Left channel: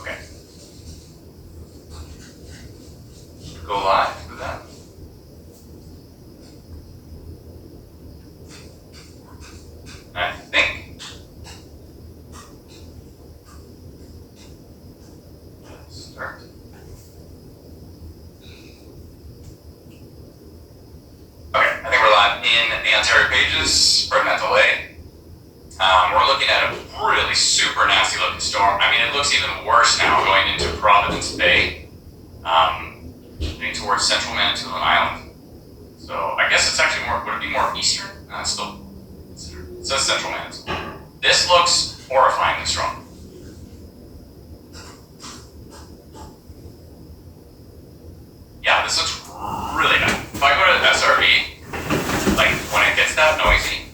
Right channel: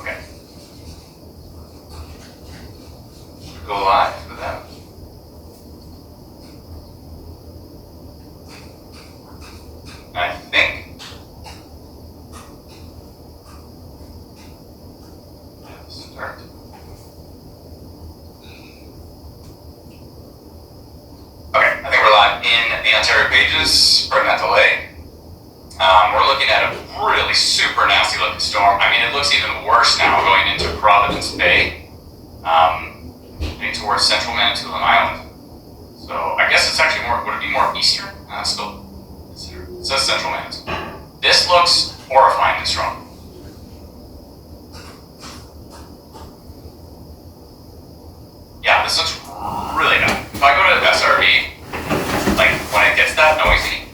Okay. Go live with that. I think. Start. Okay, I think we're live in the Ontario pages for Mental A. We're looking at a really super nasty looking storm. I mean, it looks even worse now going into Providence Bay, getting towards central Manitoulin Island. So I guess it's actually more, would it be more eastern? Still considered. It says central Manitoulin. This looks horrifyingly strong. Yeah, this looks really bad. If I go to the SRV, like when it gets that noisy,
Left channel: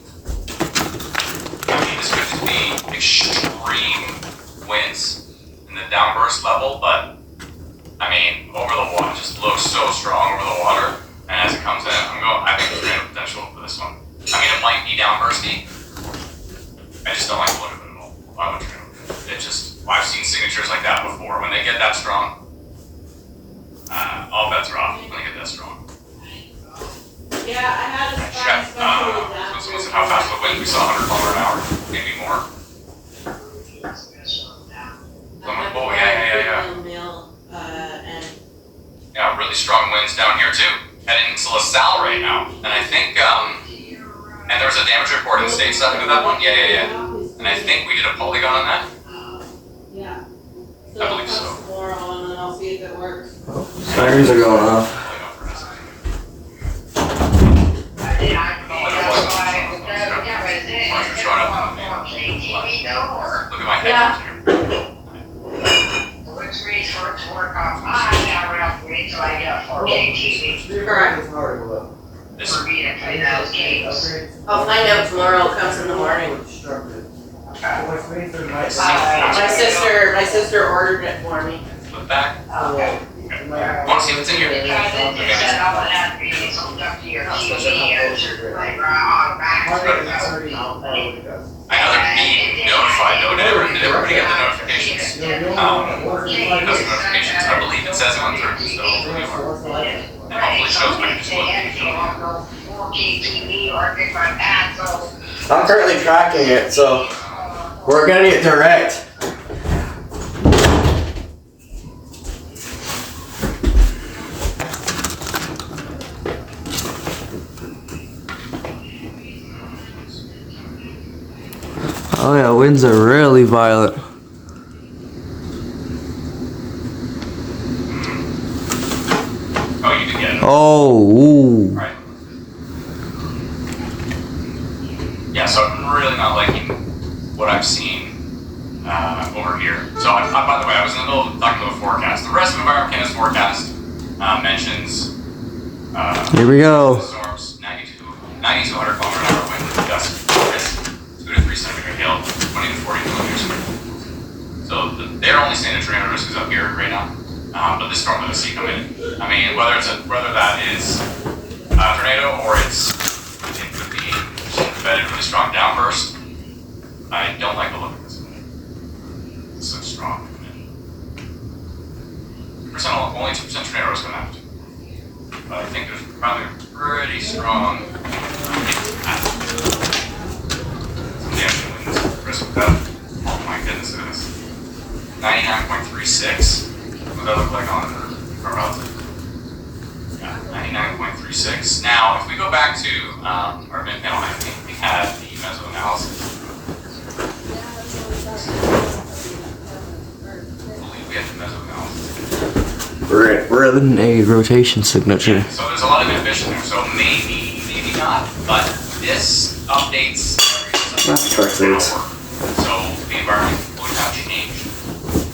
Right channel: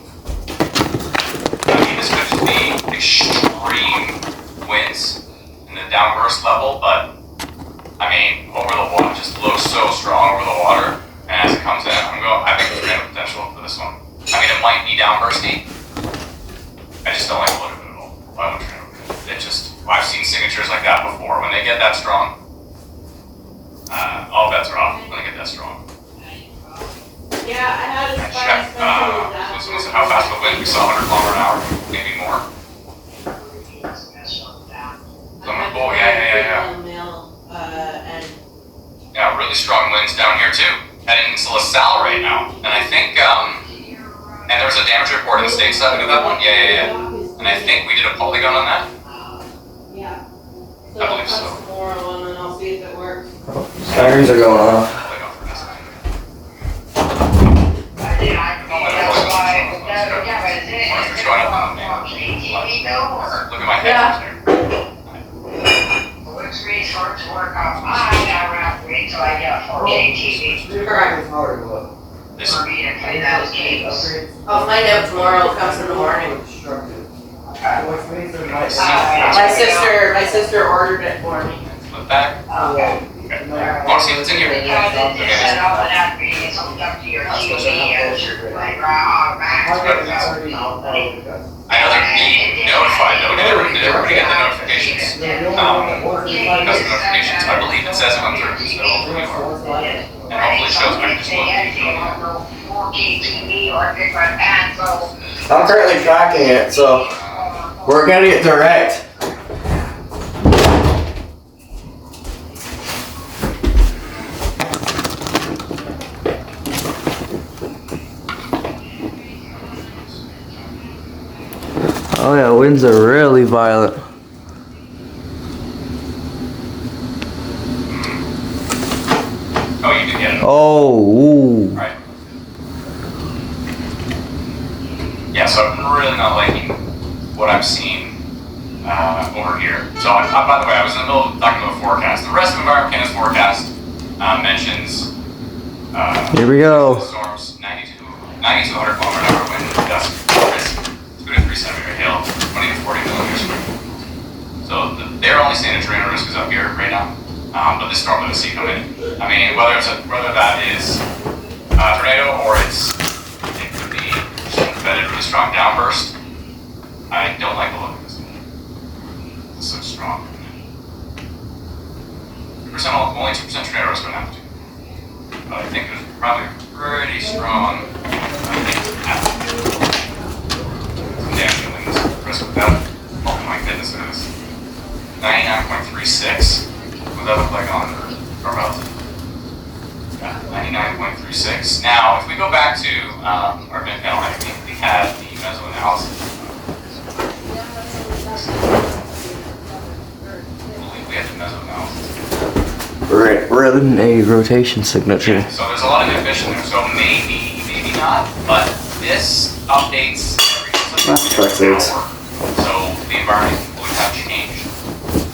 I mean, this could just be extreme winds in the downburst level, but I mean, over the water, it just looks so strong over the water. And as it comes in, I think there's great potential for this one. I mean, it might be downbursty. I just don't like the look of it at all. Why would you? It just, I've seen signatures like that before. When they get that strong, all bets are off when they get that strong. Yeah, I had a Check. Someone said how fast the wind? We saw 100 kilometers an hour, maybe more. Oh, yeah. Yeah, really strong winds down here too. Heading into LaSalle right now. And I think, and there was a damage report in the stateside of that one? Yeah. And I think we did a polygon on that? Yeah. So I believe so. Tomorrow, and then I'll see if it works. Sirens are going off. Look at my head. Which resorts work on mine now around wait till I get 4K TV. Correct. This For me to play those games. I'll find out tomorrow. It comes in the morning. My sister ordered it for me. flip back. Okay. Want to see if it's in here? Because it just set up without being hooked up to your TV or your playground. I know they're being notified though. Did everybody get the notifications? Because the notifications, I believe it says it went through, so hopefully you are. And hopefully it shows I can just look. I'm currently tracking it, so we're getting it direct. Oh yeah, winds are really violent. Oh, you did get it. Oh, ooh. Right. Yeah, so I'm really not liking what I'm seeing over here. So, by the way, I was in the middle of talking about the forecast. The rest of Environment Canada's forecast mentions Here we go. storms, 90 to 100 kilometer an hour wind, gusts, risk 2 to 3 centimeter hail, 20 to 40 millimeters. So they're only saying a tornado risk is up here right now. But this storm that we see coming in, I mean, whether that is a tornado or it's, it could be embedded really strong downburst. I don't like the look of this. This looks strong. 2%, only 2% tornado risk on that too. But I think there's probably a pretty strong damaging winds risk with that. Oh my goodness, it is 99.9%. 99.36. What that look like on our relative? Yeah, 99.36. Now, if we go back to our mid panel, I think we have the meso-analysis. I believe we have the meso-analysis. We're in a rotation signature. Yeah, so there's a lot of inhibition there, so maybe not, but this updates every hour. So the environment would have changed,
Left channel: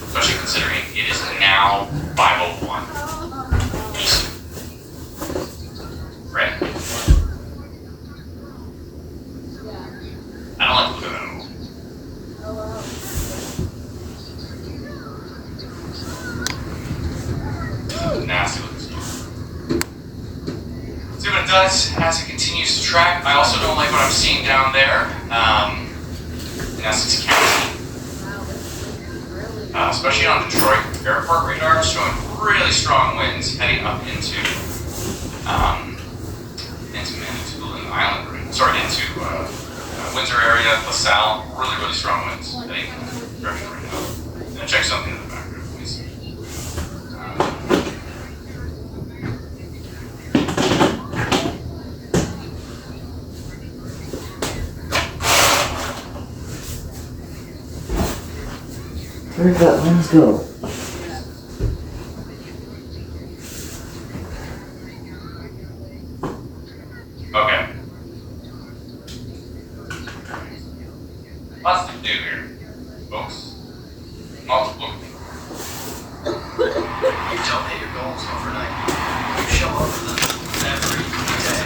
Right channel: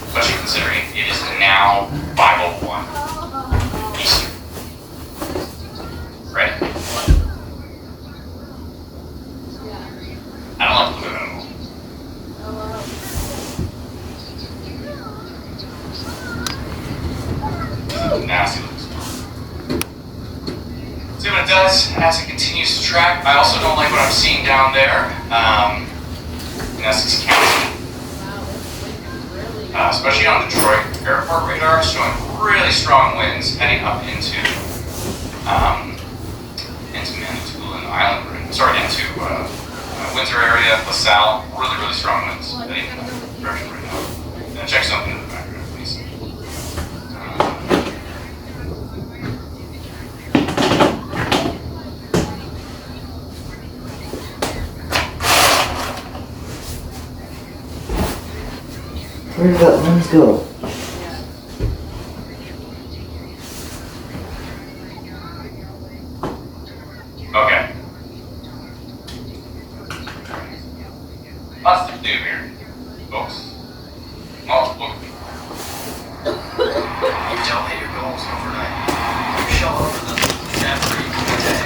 especially considering it is now 5:01 Eastern. Right? I don't like the movement. Nasty looks. See what it does as it continues to track. I also don't like what I'm seeing down there in Essex County, especially on Detroit airport radar, showing really strong winds heading up into Manitoulin Island. Sorry, into Windsor area, LaSalle. Really strong winds heading in that direction right now. Now check something in the background, please. Where did that lens go? Okay. Lots to do here, folks. Multiple. You don't hit your goals overnight. You show up for them every day.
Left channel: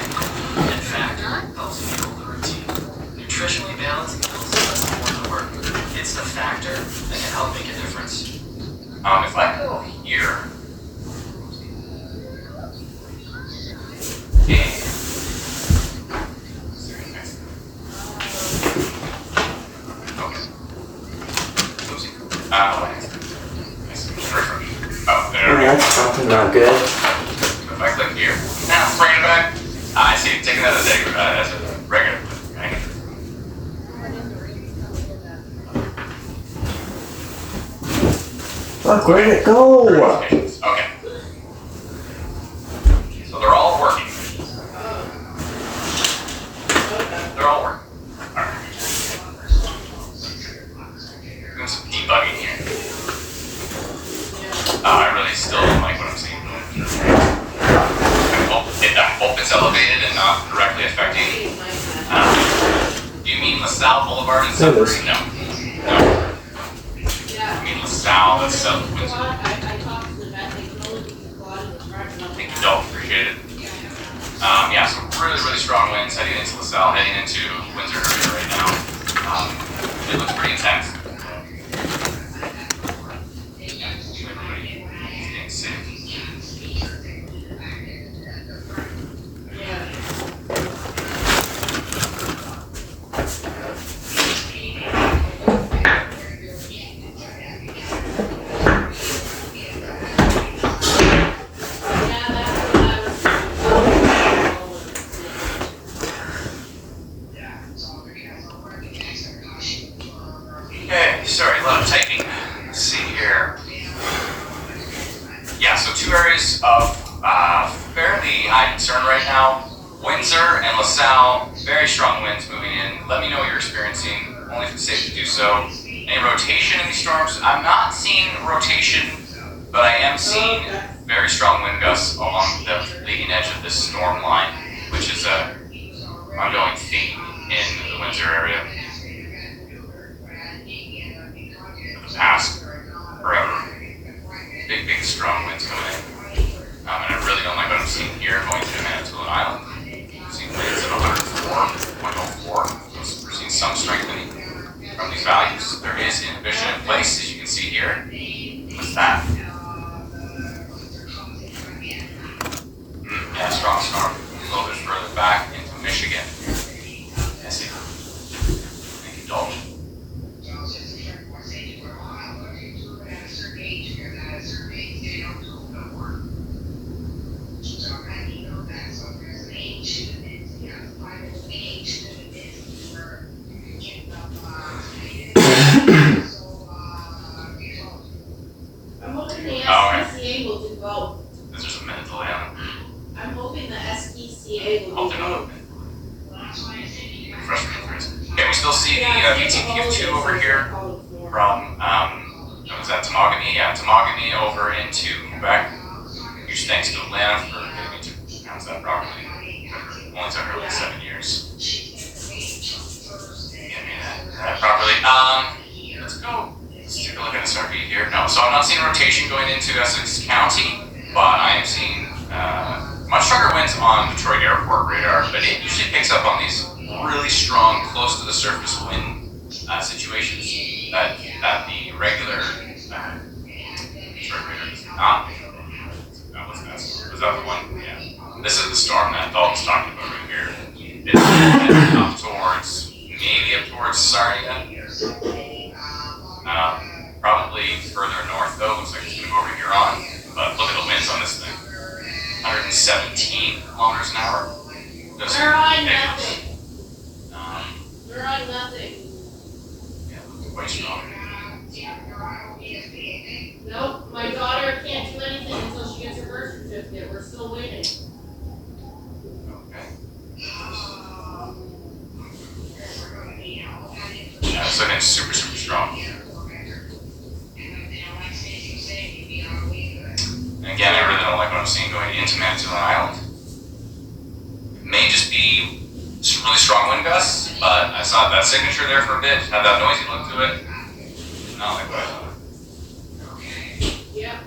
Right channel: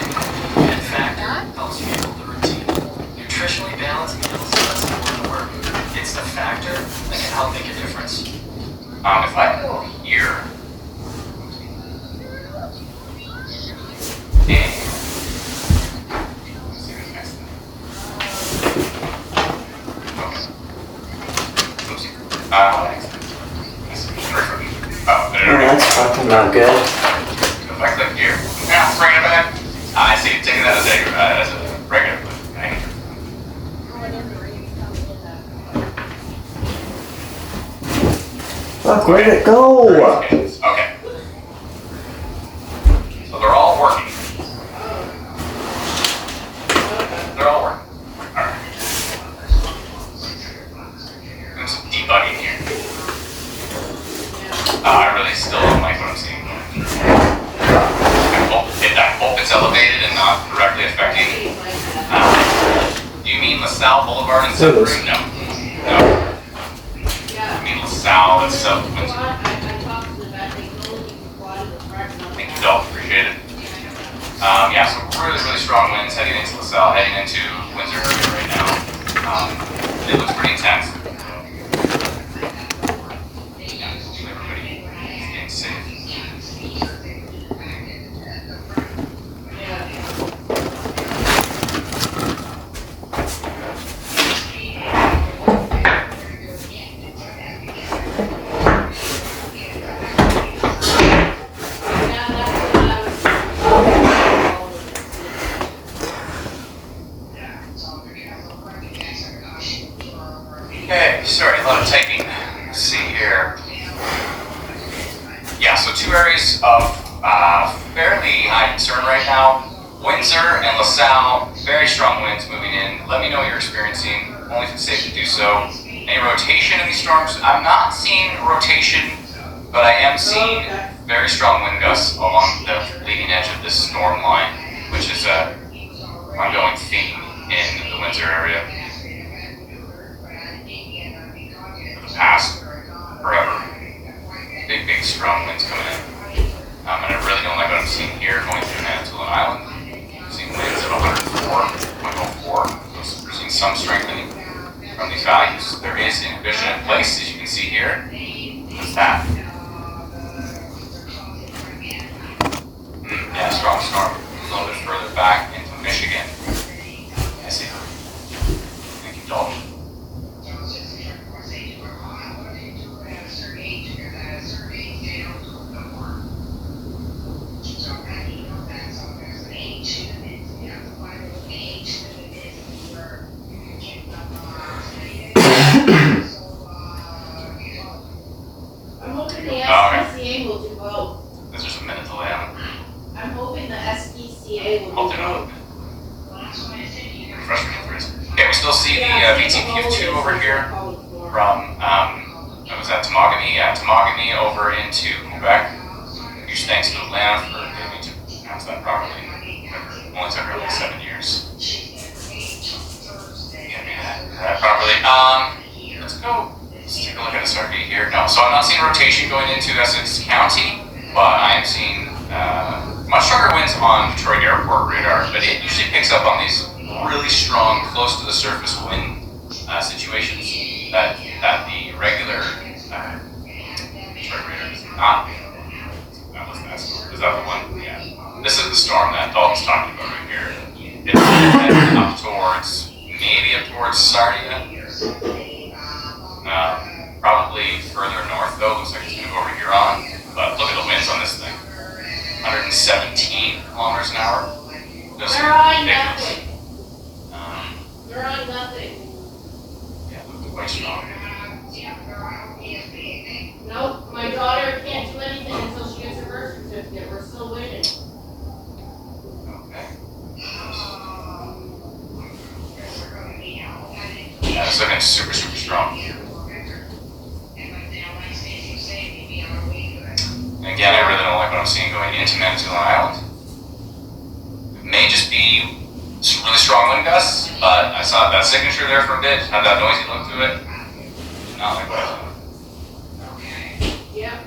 In fact, helps you build the routine. Nutritionally balanced meals doesn't important work. It's the factor that can help make a difference. If I go here, That's fucking not good. If I click here, now it's bringing it back. I see it taking that as a regular. Fuck, where did it go? Okay. So they're all working. They're all working. Alright. There's some debugging here. I really still don't like what I'm seeing. I hope it's elevated and not directly affecting. Do you mean LaSalle Boulevard in Sudbury? No. I mean LaSalle and South Windsor. Thank you, Dolph. Appreciate it. Yeah, so really strong winds heading into LaSalle, heading into Windsor right now. It looks pretty intense. Okay, sorry, a lot of typing. Let's see here. Yeah, so two areas of fairly high concern right now. Windsor and LaSalle, very strong winds moving in. Let me know what you're experiencing, only if it's safe to do so. Any rotation in these storms? I'm not seeing rotation, but I am seeing very strong wind gusts along the leading edge of this storm line, which is a ongoing theme in the Windsor area. For the past forever. Big strong winds coming in. And I really don't like what I'm seeing here going through Manitoulin Island. I'm seeing winds of 104.04. We're seeing some strengthening from these values. There is inhibition in place, as you can see here. What's that? Yeah, strong storm. A little bit further back into Michigan. I see. Thank you, Dolph. still see the VTQ2 over here from, what was that, Temagami? Yeah, Temagami over into Quebec. Huge thanks to Lamb for getting me to pronounce that properly. It only took her like 7 years. Get me that properly. Let's go. Let's take a look at SRV here. No, so I'm not seeing rotation going into Essex County, but I am seeing much stronger winds on Detroit Airport radar, but it usually picks up on these really strong, close to the surface wind situations that the regular Detroit radar does not. That was that storm. Is that the one? Yeah. This is the storm that Dalton's talking about right here. It's heading up towards, maybe up towards Sarnia. Probably further north though. Looks like it's going to go over Huron. But look at the winds on this thing. 117 kilometers an hour. Just They're on ridiculous. nothing. They're on nothing. Yeah, they're quite strong. Nope, my daughter can't do anything until she gets her birth certificate. We're still waiting. Okay. Yeah, it's looking super, super strong. And again, I really don't like what I'm seeing going into Manitoulin Island. It may just be some really strong wind gusts, but I saw that signature there for a bit, had that noisy look to it. Not like what I thought. Yep.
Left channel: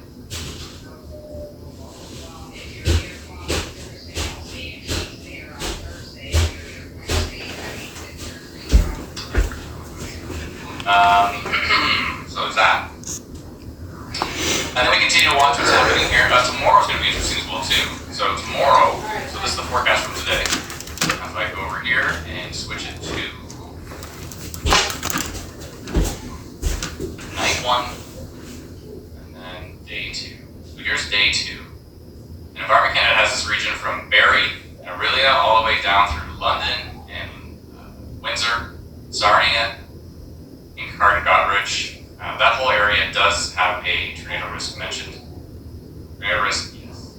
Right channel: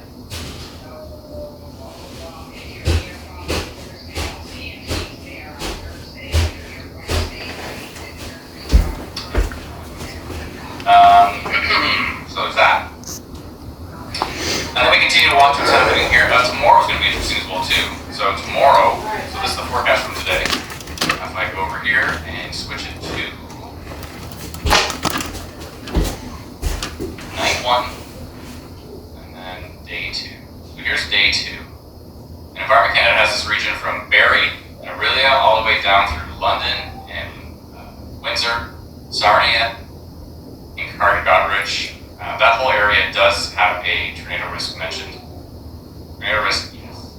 So there's that. And then we continue to watch what's happening here. Tomorrow's going to be interesting as well too. So tomorrow, so this is the forecast from today. If I go over here and switch it to night 1, and then day 2. So here's day 2. And Environment Canada has this region from Barrie and Orillia all the way down through London and Windsor, Sarnia, and Carter-Goderich. That whole area does have a tornado risk mentioned. Tornado risk, yes,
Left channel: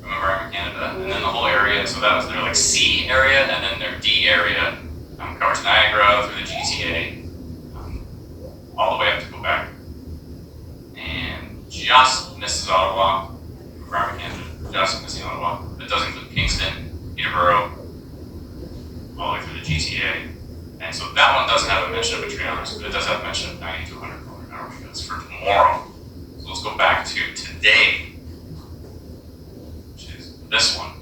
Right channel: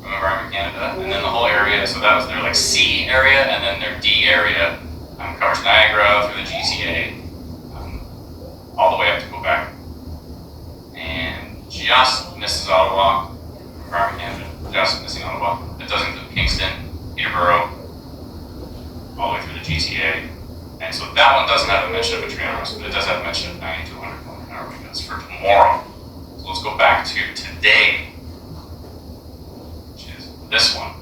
from Environment Canada. And then the whole area, so that was their like C area, and then their D area covers Niagara through the GTA, all the way up to Quebec. And just misses Ottawa, Environment Canada, just missing Ottawa. It does include Kingston, Peterborough, all the way through the GTA. And so that one doesn't have a mention of a tornado risk, but it does have a mention of 90 to 100 mile an hour wind gusts for tomorrow. So let's go back to today, which is this one.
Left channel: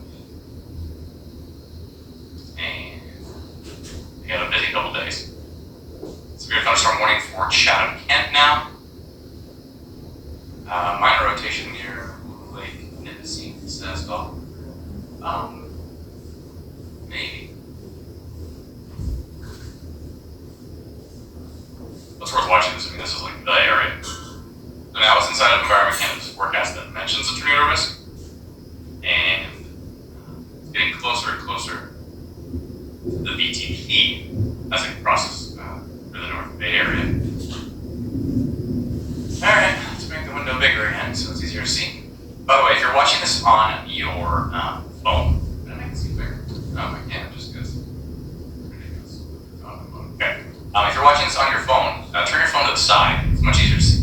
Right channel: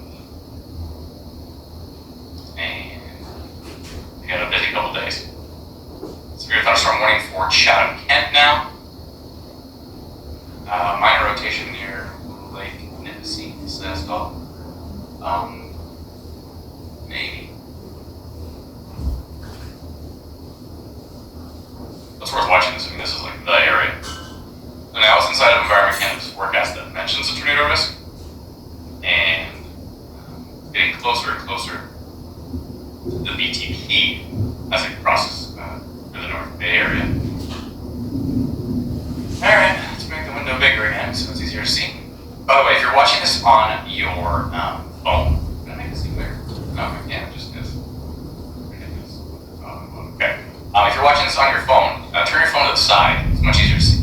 And we had a busy couple days. Severe thunderstorm warning for Chatham, Kent now. Minor rotation near Lake Nipissing, as well. Maybe. It's worth watching this. I mean, this is like the area. So now it's inside of Environment Canada's forecast that mentions a tornado risk, and getting closer and closer to the BTP as it crosses through the North Bay area. All right, let's make the window bigger again so it's easier to see. By the way, if you're watching this on your phone, can I make it seem bigger? No, I can't. Just because ridiculous. Okay. If you're watching this on your phone, turn your phone to the side. It's much easier to see.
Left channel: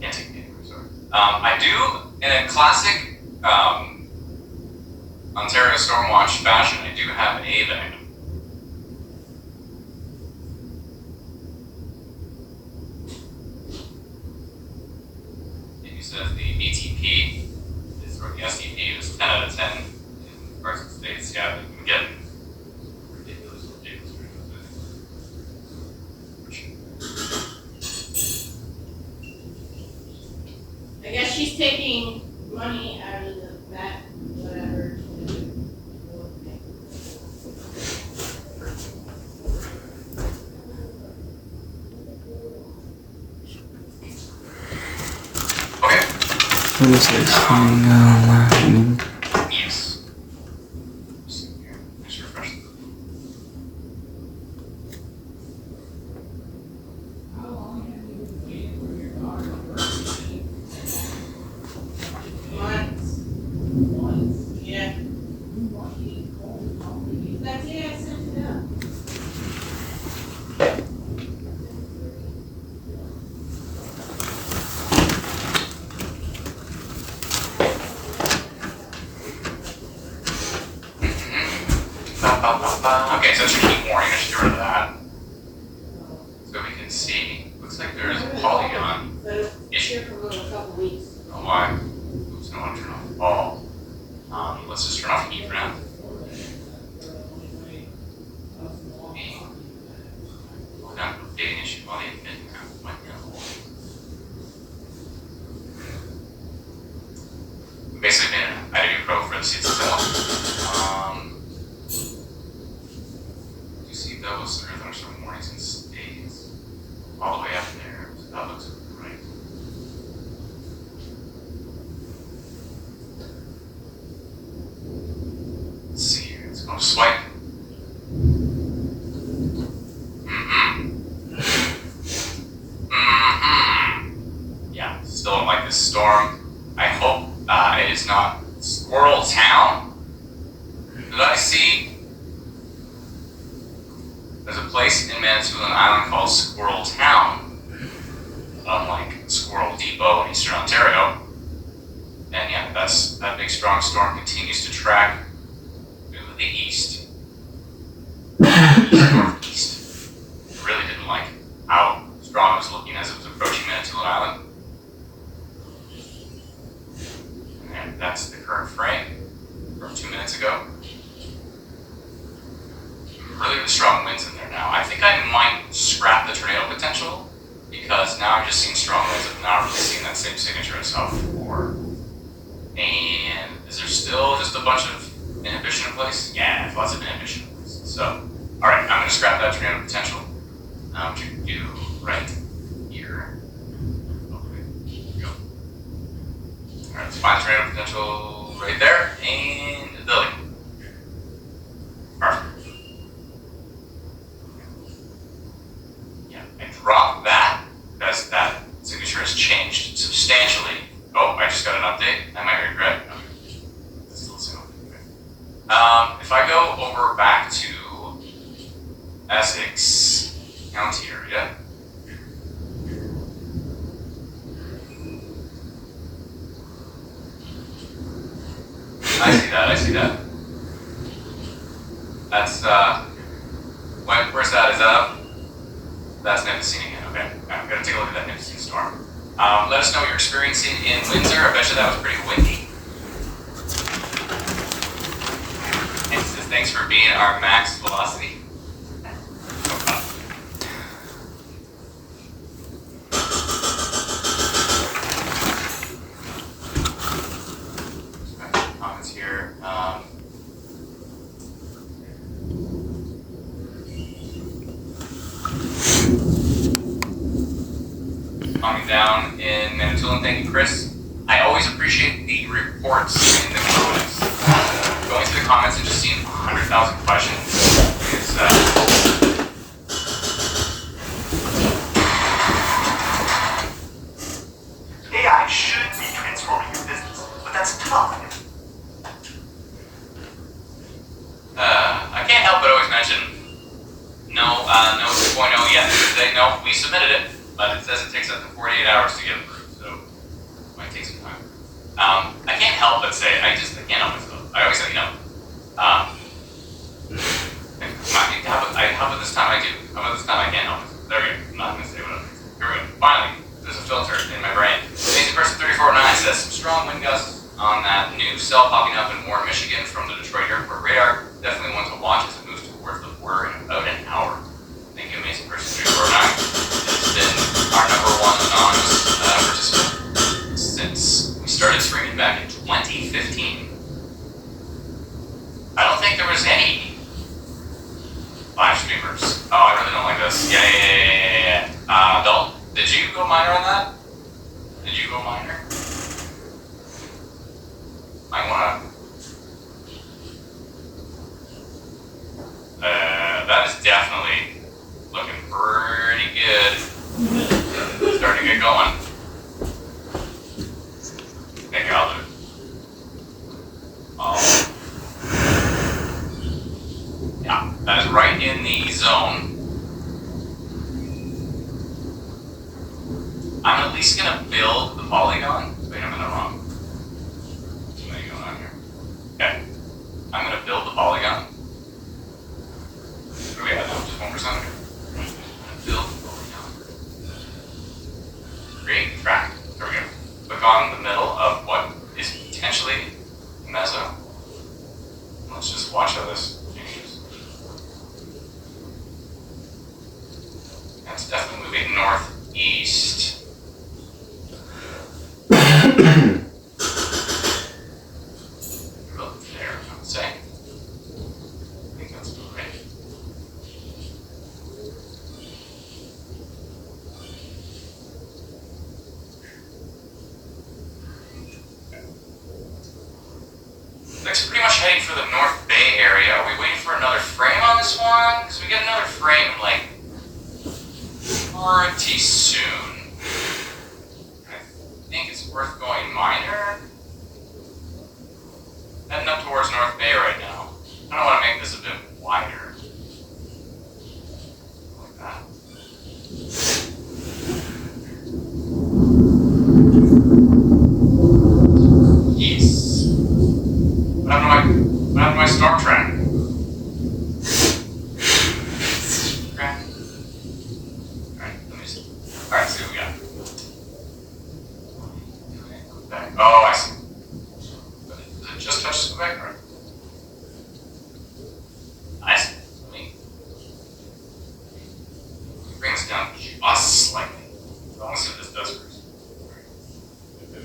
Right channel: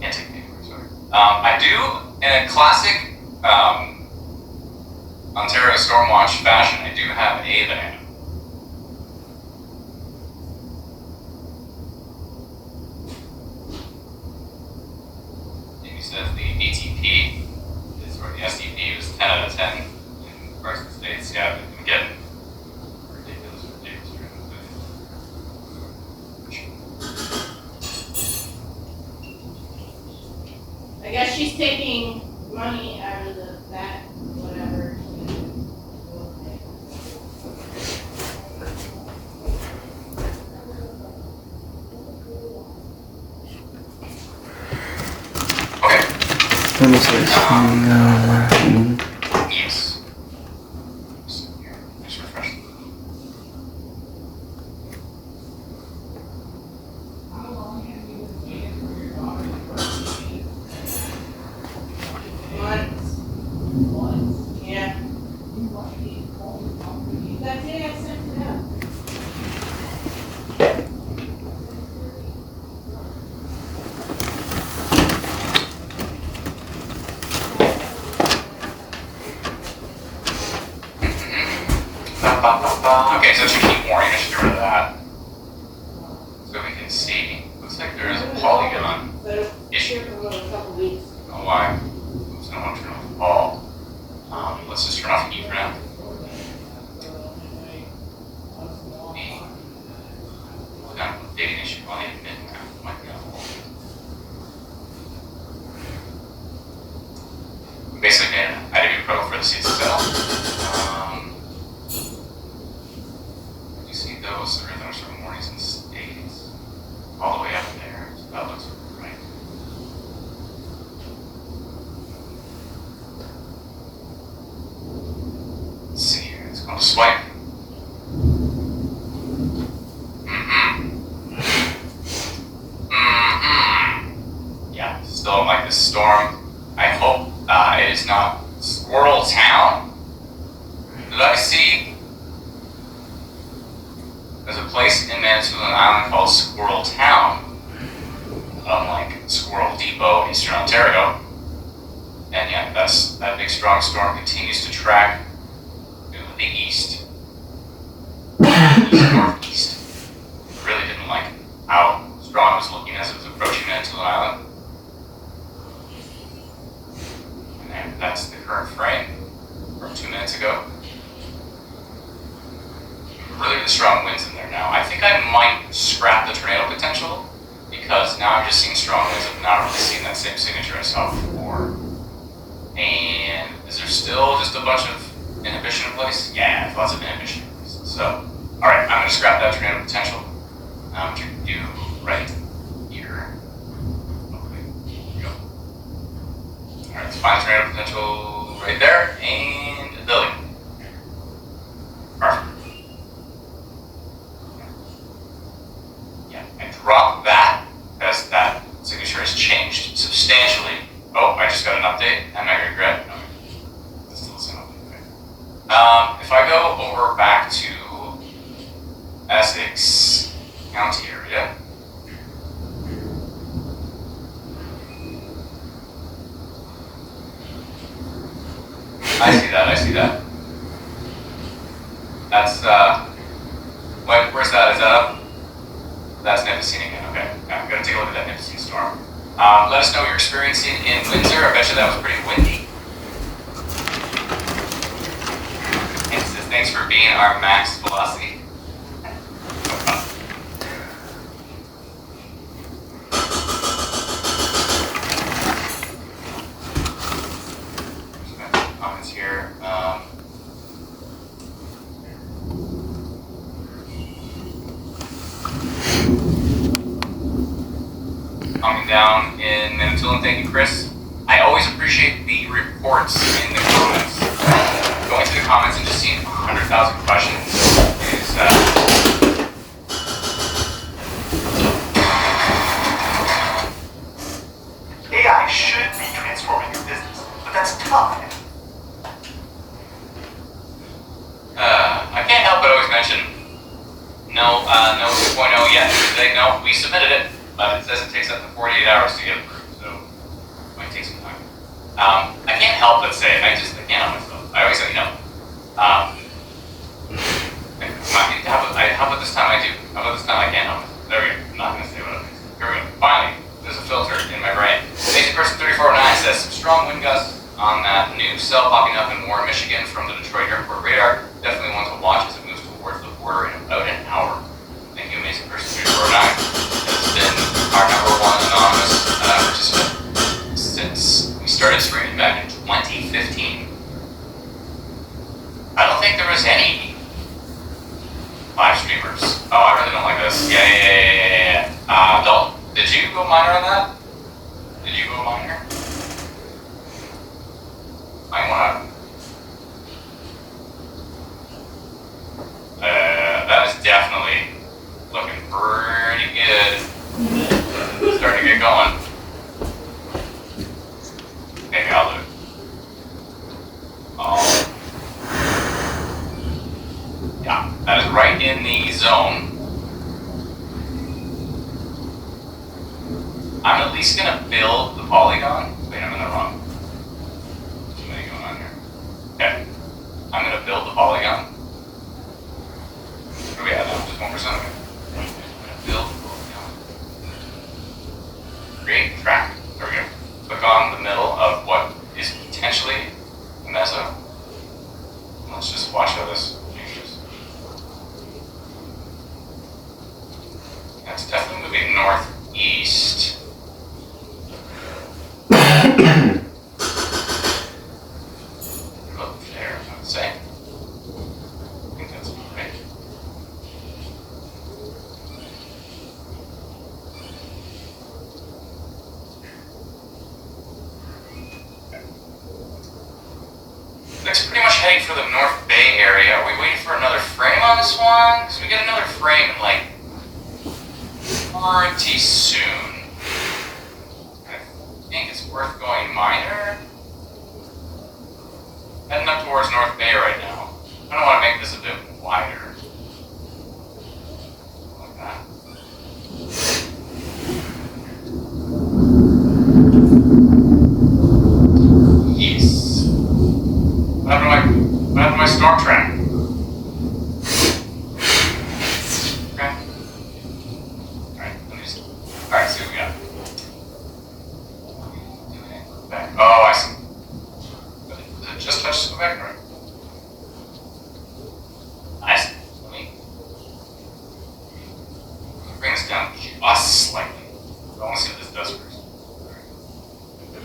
Can't take it anywhere, sorry. I do, in a classic Ontario Stormwatch fashion, I do have a van. Says the DTP is, or the SDP is 10 out of 10 in Carson States. Yeah, we can get ridiculous dreams. I guess she's taking money out of that, whatever. Yes. Just refresh. That day I sent it out. Okay, so it should keep warning. I should get rid of that. So we can see. Looks like there is a polygon issue. Here for a couple weeks. I don't know why. Oops, I don't want to turn off the ball. Let's just turn off the heat for now. The polygon updating issue on the mid might be on hold. Basically, I didn't even pro for the seats itself. You see those are thunderstorm warnings and states all the way up there. So that looks right. Let's see here. It's going to swipe. Yeah, still don't like this storm. I hope it is not Squirrel Town. Did I see? There's a place in Manitoulin Island called Squirrel Town, unlike Squirrel Depot in Eastern Ontario. And yeah, that big strong storm continues to track to the east. Northeast. Really didn't like how strong it was looking as it was approaching Manitoulin Island. And that's the current frame from 2 minutes ago. Really the strong winds in there now. I think I might scrap the tornado potential because now I'm just seeing strong winds. I've not really seen that same signature I saw before. And is there still just a bunch of inhibition in place? Yeah, lots of inhibition in place. So, alright, I'm going to scrap that tornado potential, which you can do right here. Okay, here we go. Alright, let's find the tornado potential right there, and Lily. Perfect. Yeah, I dropped that because that signature has changed substantially. Oh, I just got an update. I might regret. Okay. This is still the same update. Okay. If I go over back to Essex County area, I see that. That's, where's that? Is that up? That's Nipissing again, okay. I'm gonna take a look at that Nipissing storm. Let us know what you're experiencing in Windsor. I bet you that was pretty windy. And says, thanks for being our max velocity. No problem. Comments here. Coming down in Manitoulin, thank you, Chris. I always appreciate the reports in the comments. Going through the comments and just seeing 100,000 questions is AI should be transforming your business, but that's tough. I can't help but always mention no 2.0 yet. They know we submitted it, but it says it takes up to 48 hours to get approved, so it might take some time. I can't help but say it. I can't help myself. I always say no. How about this time I do? How about this time I can't help it? There we go. I'm not going to say what it is. Here we go. Finally, there's a filter in my brain. Amazing Person 3409 says some strong wind gusts on that new cell popping up in Warren, Michigan from the Detroit airport radar. Definitely one to watch as it moves towards the border in about an hour. Thank you, Amazing Person 3409. It's been our #1 anonymous participant since we started streaming back in 2015. I don't think there was any live streamers. Oh, I really don't like this. Yeah. Did you go minor on that? Did you go minor? I wanna. That is definitely looking pretty good. Starting to get going. Okay, I'll do it. Oh. That is right in the zone. I'm at least gonna build the polygon. Wait, I'm in the wrong. Too many going on here. Okay. I'm gonna build the polygon. Where are we at now? Just 1%? Okay. I'm gonna build the polygon. Create track. There we go. Click on the middle of what is potentially a meso. Let's just watch how this changes. That's definitely moving northeast. About there, I would say. I think that's about right. It's pretty much heading for the North Bay area. Are we waiting for another frame on this one? Because we get another frame in like pretty soon. I think it's worth going minor. Heading up towards North Bay right now. I don't want to make this a bit wider. Like that. Yes. What happened to my storm track? Okay. Alright, let me just. Alright, see what we got. Back. Oh, I see. But does it just touch Quebec? Right? I see. Let me bring this down just slightly. I want to see what this does first.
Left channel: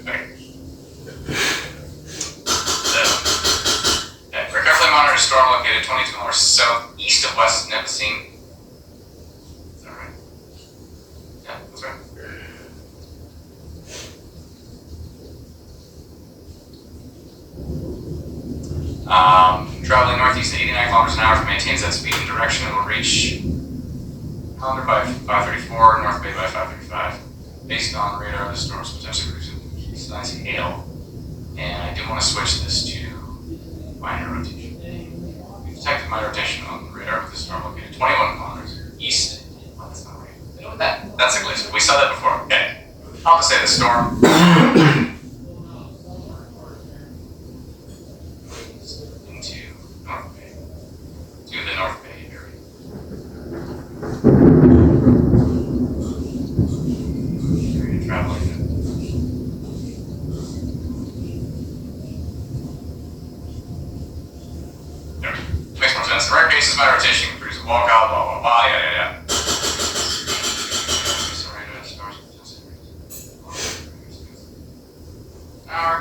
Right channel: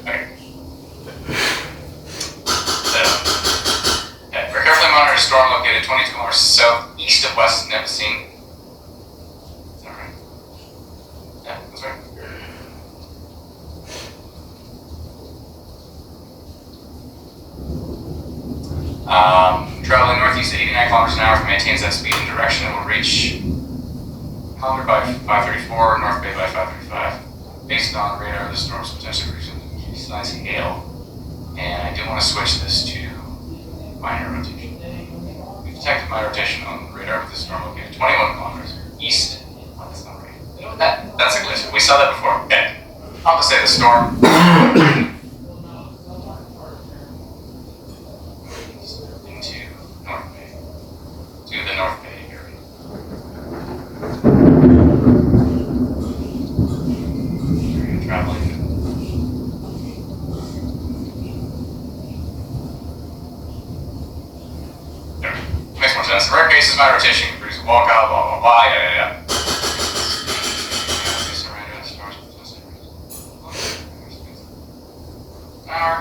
Okay. Okay, we're carefully monitoring a storm located 22 kilometers southeast of West Nipissing. Is that right? Yeah, that's right. Traveling northeast at 89 kilometers an hour, if it maintains that speed and direction, it will reach Calendar by 5:34, North Bay by 5:35. Based on radar, the storm is potentially producing size hail. And I do want to switch this to minor rotation. We detected my rotation on the radar with the storm located 21 kilometers east. Well, that's not right. You know what? That's a glitch. We saw that before. Okay. I'll just say the storm. Into North Bay. To the North Bay area. Traveling. Makes more sense. In rare cases, my rotation can produce a walkout, blah, blah, blah, yeah. Power.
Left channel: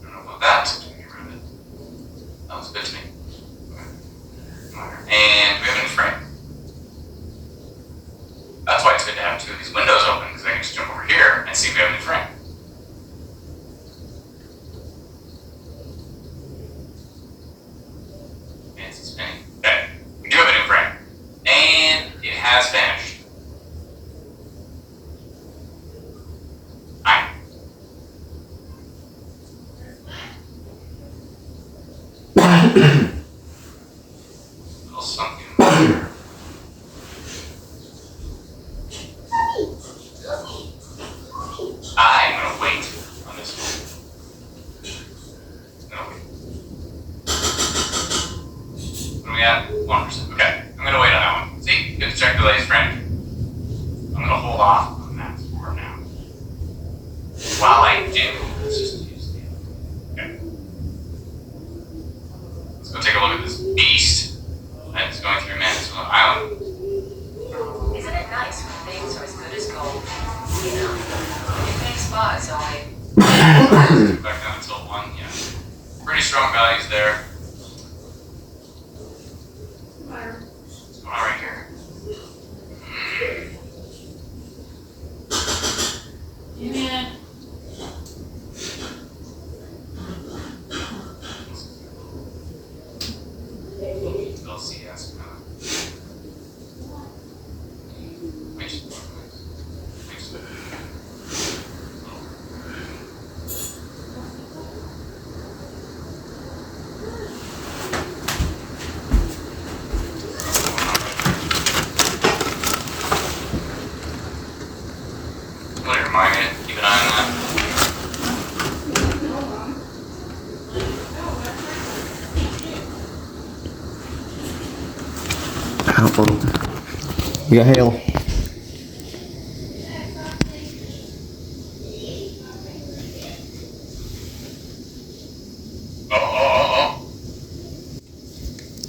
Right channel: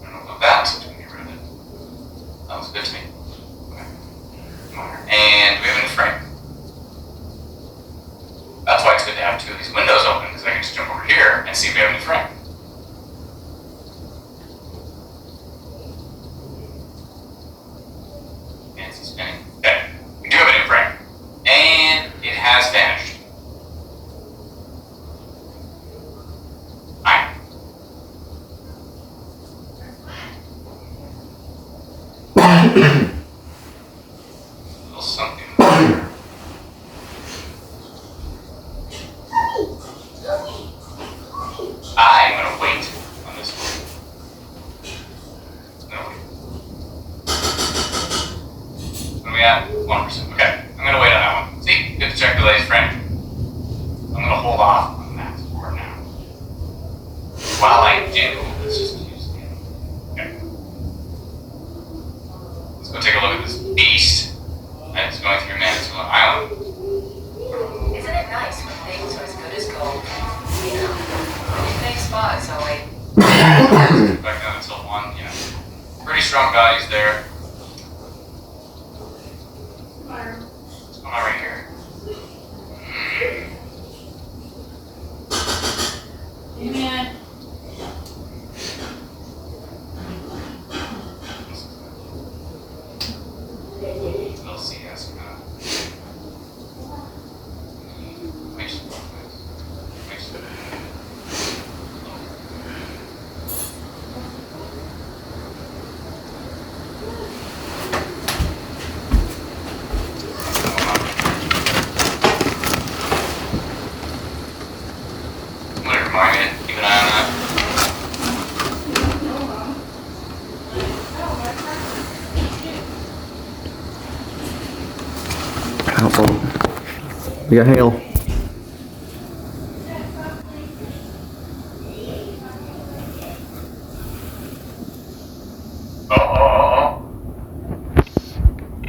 I don't know about that, so get rid of it. That was good to me. Okay. And we have a new frame. That's why it's good to have two of these windows open, because I can just jump over here and see if we have a new frame. Spinning. Okay, we do have a new frame, and it has vanished. Fine. A little something. I'm gonna wait on this one. Gonna wait. What are we at? 1%. Okay, I'm gonna wait on that one. See, good to check the latest frame. I'm gonna hold off on that for now. While I do, let's just use the other. Okay. Let's go take a look at this beast that's going through Manitoula Island. Isn't it nice when things are as good as gold? You know, big spots only. Back down until 1, yeah. Pretty strong values there. What's going on right here? Amen. LCS. You got hail. Oh.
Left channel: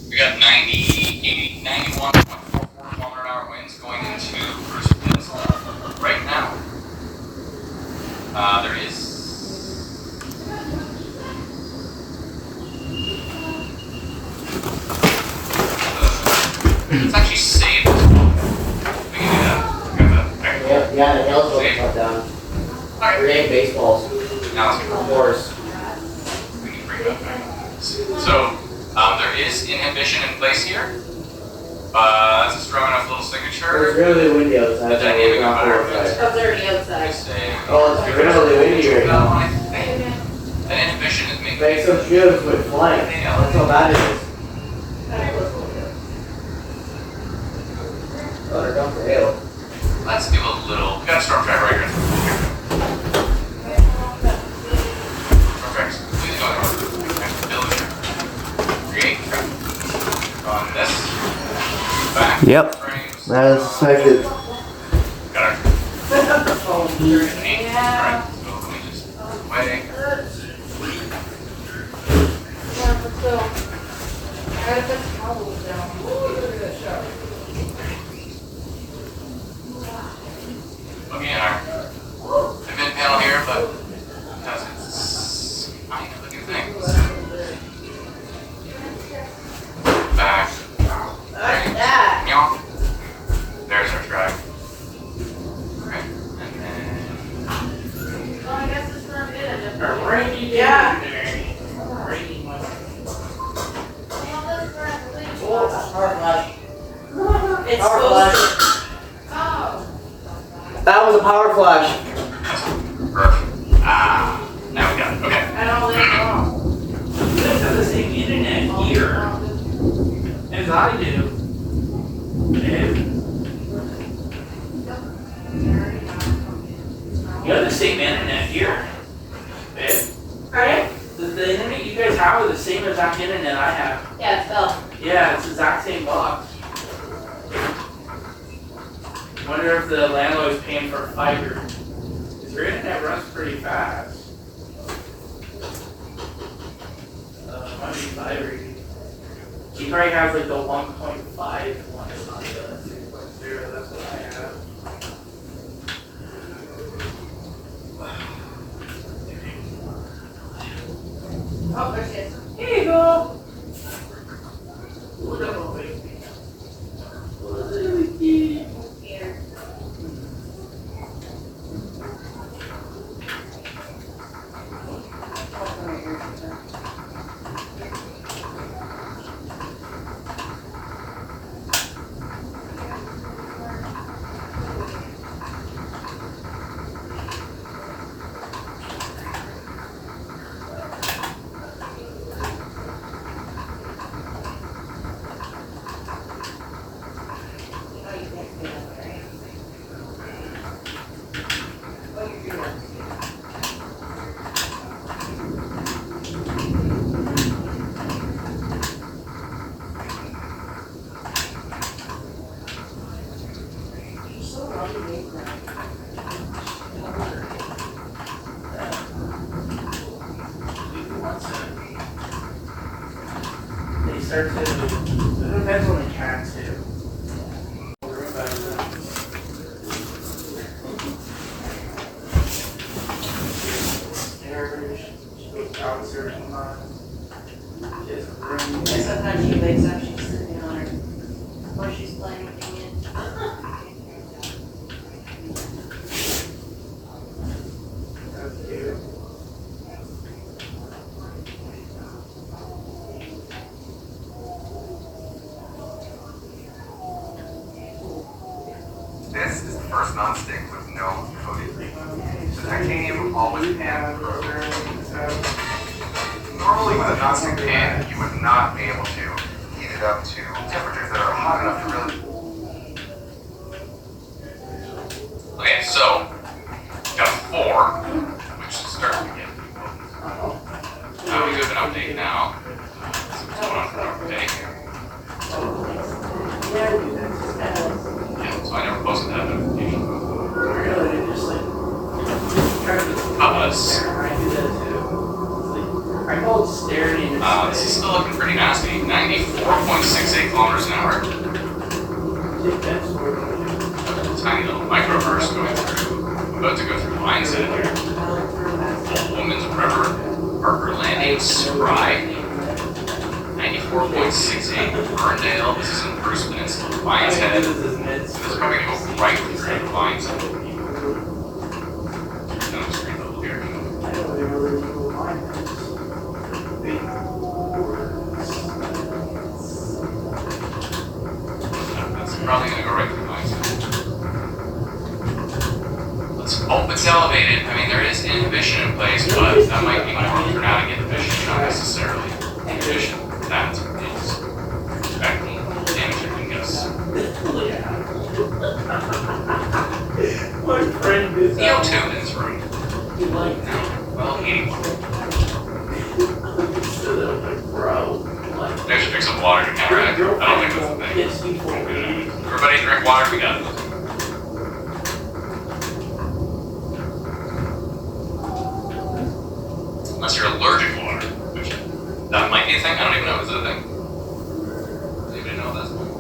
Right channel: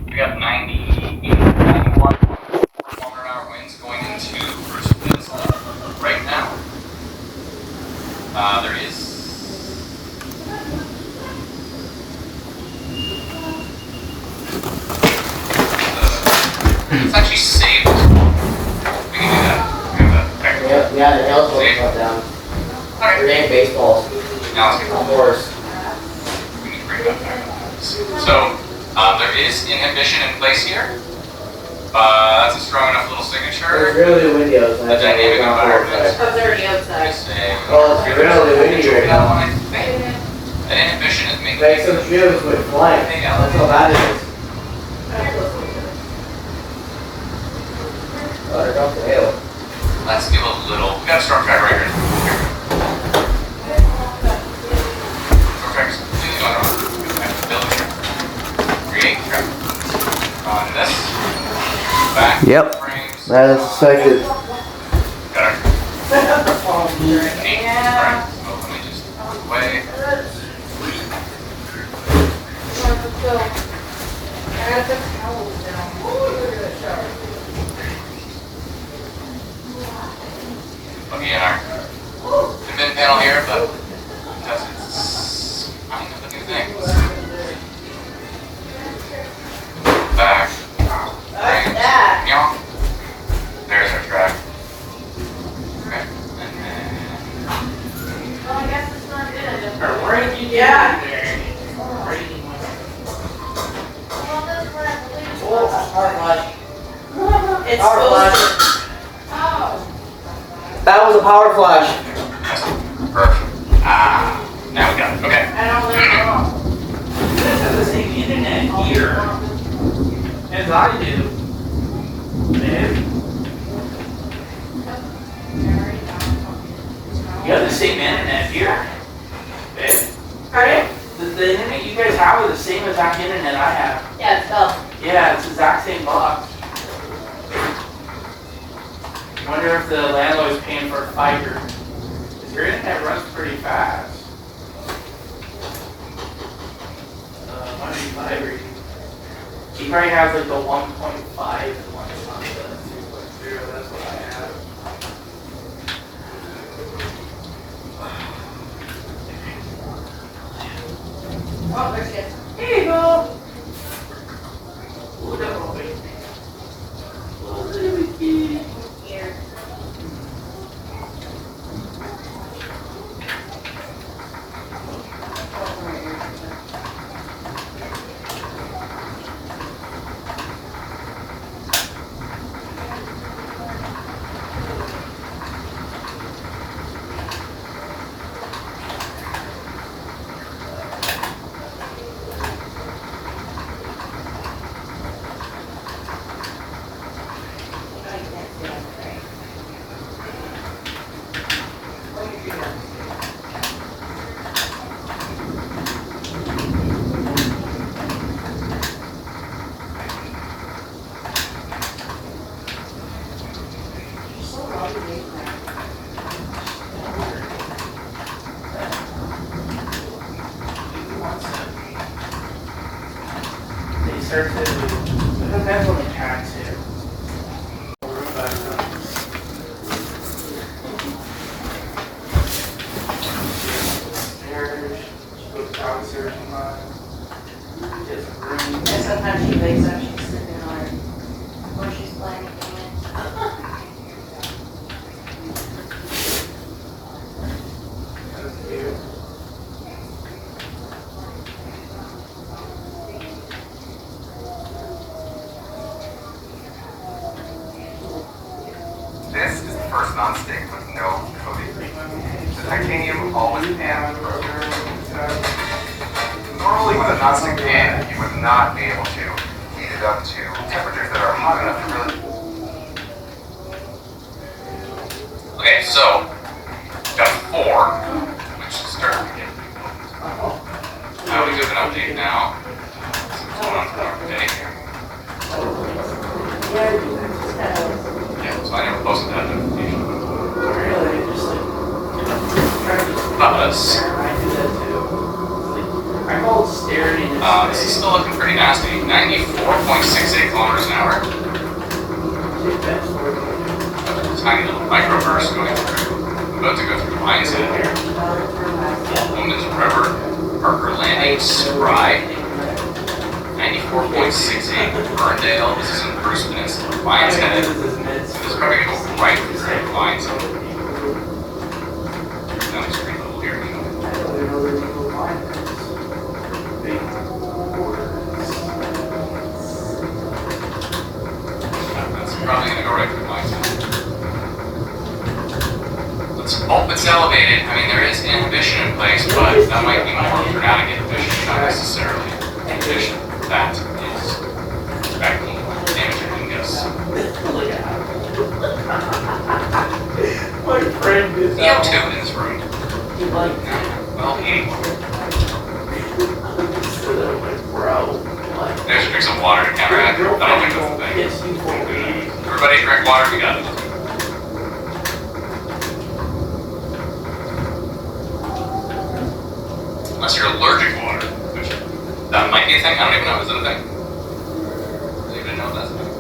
We got 90, 80, 91.4 kilometer-an-hour winds going into Bruce Peninsula right now. There is. It's actually saved. We can do that. We have the Yeah, the hail's going to cut down. Alright. It ain't baseballs. Now let's get Of course. we need to bring it back. So, there is inhibition in place here. That's a strong enough little It's signature. really windy outside. The dynamic environment. Oh, they're already outside. Just saying. Oh, it's really windy right That now. one, I think. An inhibition is making. Like some shields went flying. That's how bad it is. Water drop the hail. Let's do a little. We got a storm track right here. Storm track's completely going on. Building. Create track. On this. Back. Yep. Frames. That is expected. Got our. Alright. So let me just away. Looking at our admin panel here, but that's kind of a new thing. Back. Right. Yeah. There's our track. Okay. And then. Well, I guess it's not good. Yeah. It's Power supposed flash. to. Oh. That was a power flash. That's perfect. Now we got it. Okay. I don't know where it's wrong. You guys have the same internet here as I do. Babe, you have the same internet here. Babe, Pardon? the internet you guys have is the same exact internet I have. Yeah, it's Bell. Yeah, it's the exact same box. Wonder if the landlord's paying for fiber. Because your internet runs pretty fast. Might be fiber. He probably has like the 1.5 and one is on the 2.0. That's what I have. Oh, there's it. Here you go. Little baby. Little baby. Here. They start to, it depends on the cat too. Stairs, go downstairs and different rooms. And sometimes she wakes up, she's sleeping on her, when she's playing a game. That's cute. This is the first non-stick with no coating. The titanium always pans Normally with a non-stick pan, you would not be able to heat it up to temperatures that are hot enough to really... Okay, so got 4, which is starting to get pretty potent. Now we do an update now. See what's going on for our day here. Yeah, so I never posted that notification. Really, just like, Us. I do that too. It's like, I call it staring in your This is face. still looking pretty nasty. 94.68 kilometers an hour. Tiny little microburst going through. I'm about to go through Lions Head here. Old Woman's River, Parker Landing, Spry. 94.68 Ferndale. This is in Bruce Peninsula. Lions Head. This is probably going to go right through Lions Head. That was pretty little here. That's probably going to go right through Lions Head. Let's hope it's elevated. I mean, there is inhibition in place, but that might be more dramatic inhibition, not necessarily inhibition that is expecting damaging gusts. My friend is CO2 in this room. like, Well, 81. bro, like, I should drink some water to counteract. I don't think that's the thing. Everybody drink water together. Unless you're allergic to water, which that might be a thing. I don't even know. Is it a thing? Does anybody know if that's a thing?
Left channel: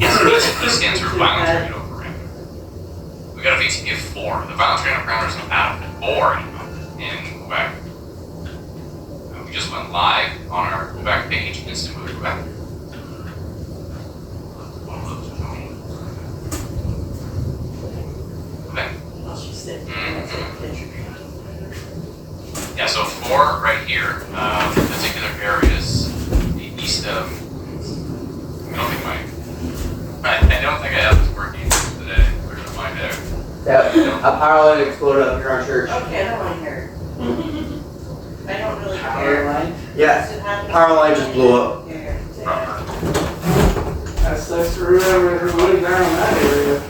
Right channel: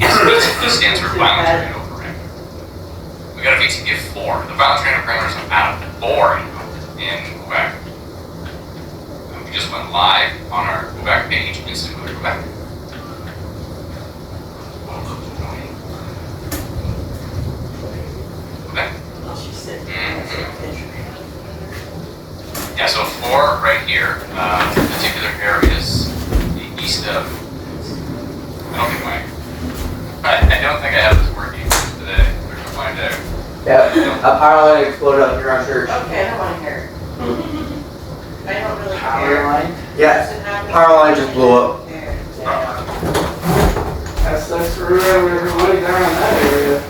Yes, this stands for violence radar parameter. We got a VTP of 4. The violence radar parameter is out of 4 in Quebec. And we just went live on our Quebec page, instantly Quebec. Quebec. Yeah, so 4 right here, particular areas, the east of, I don't think I have this working today. We're gonna find out. Yeah, a power line exploded up here on church. Okay, I don't wanna hear it. I don't really power care. line. Yeah, power line just blew up. That sucks for whoever lived down in that area.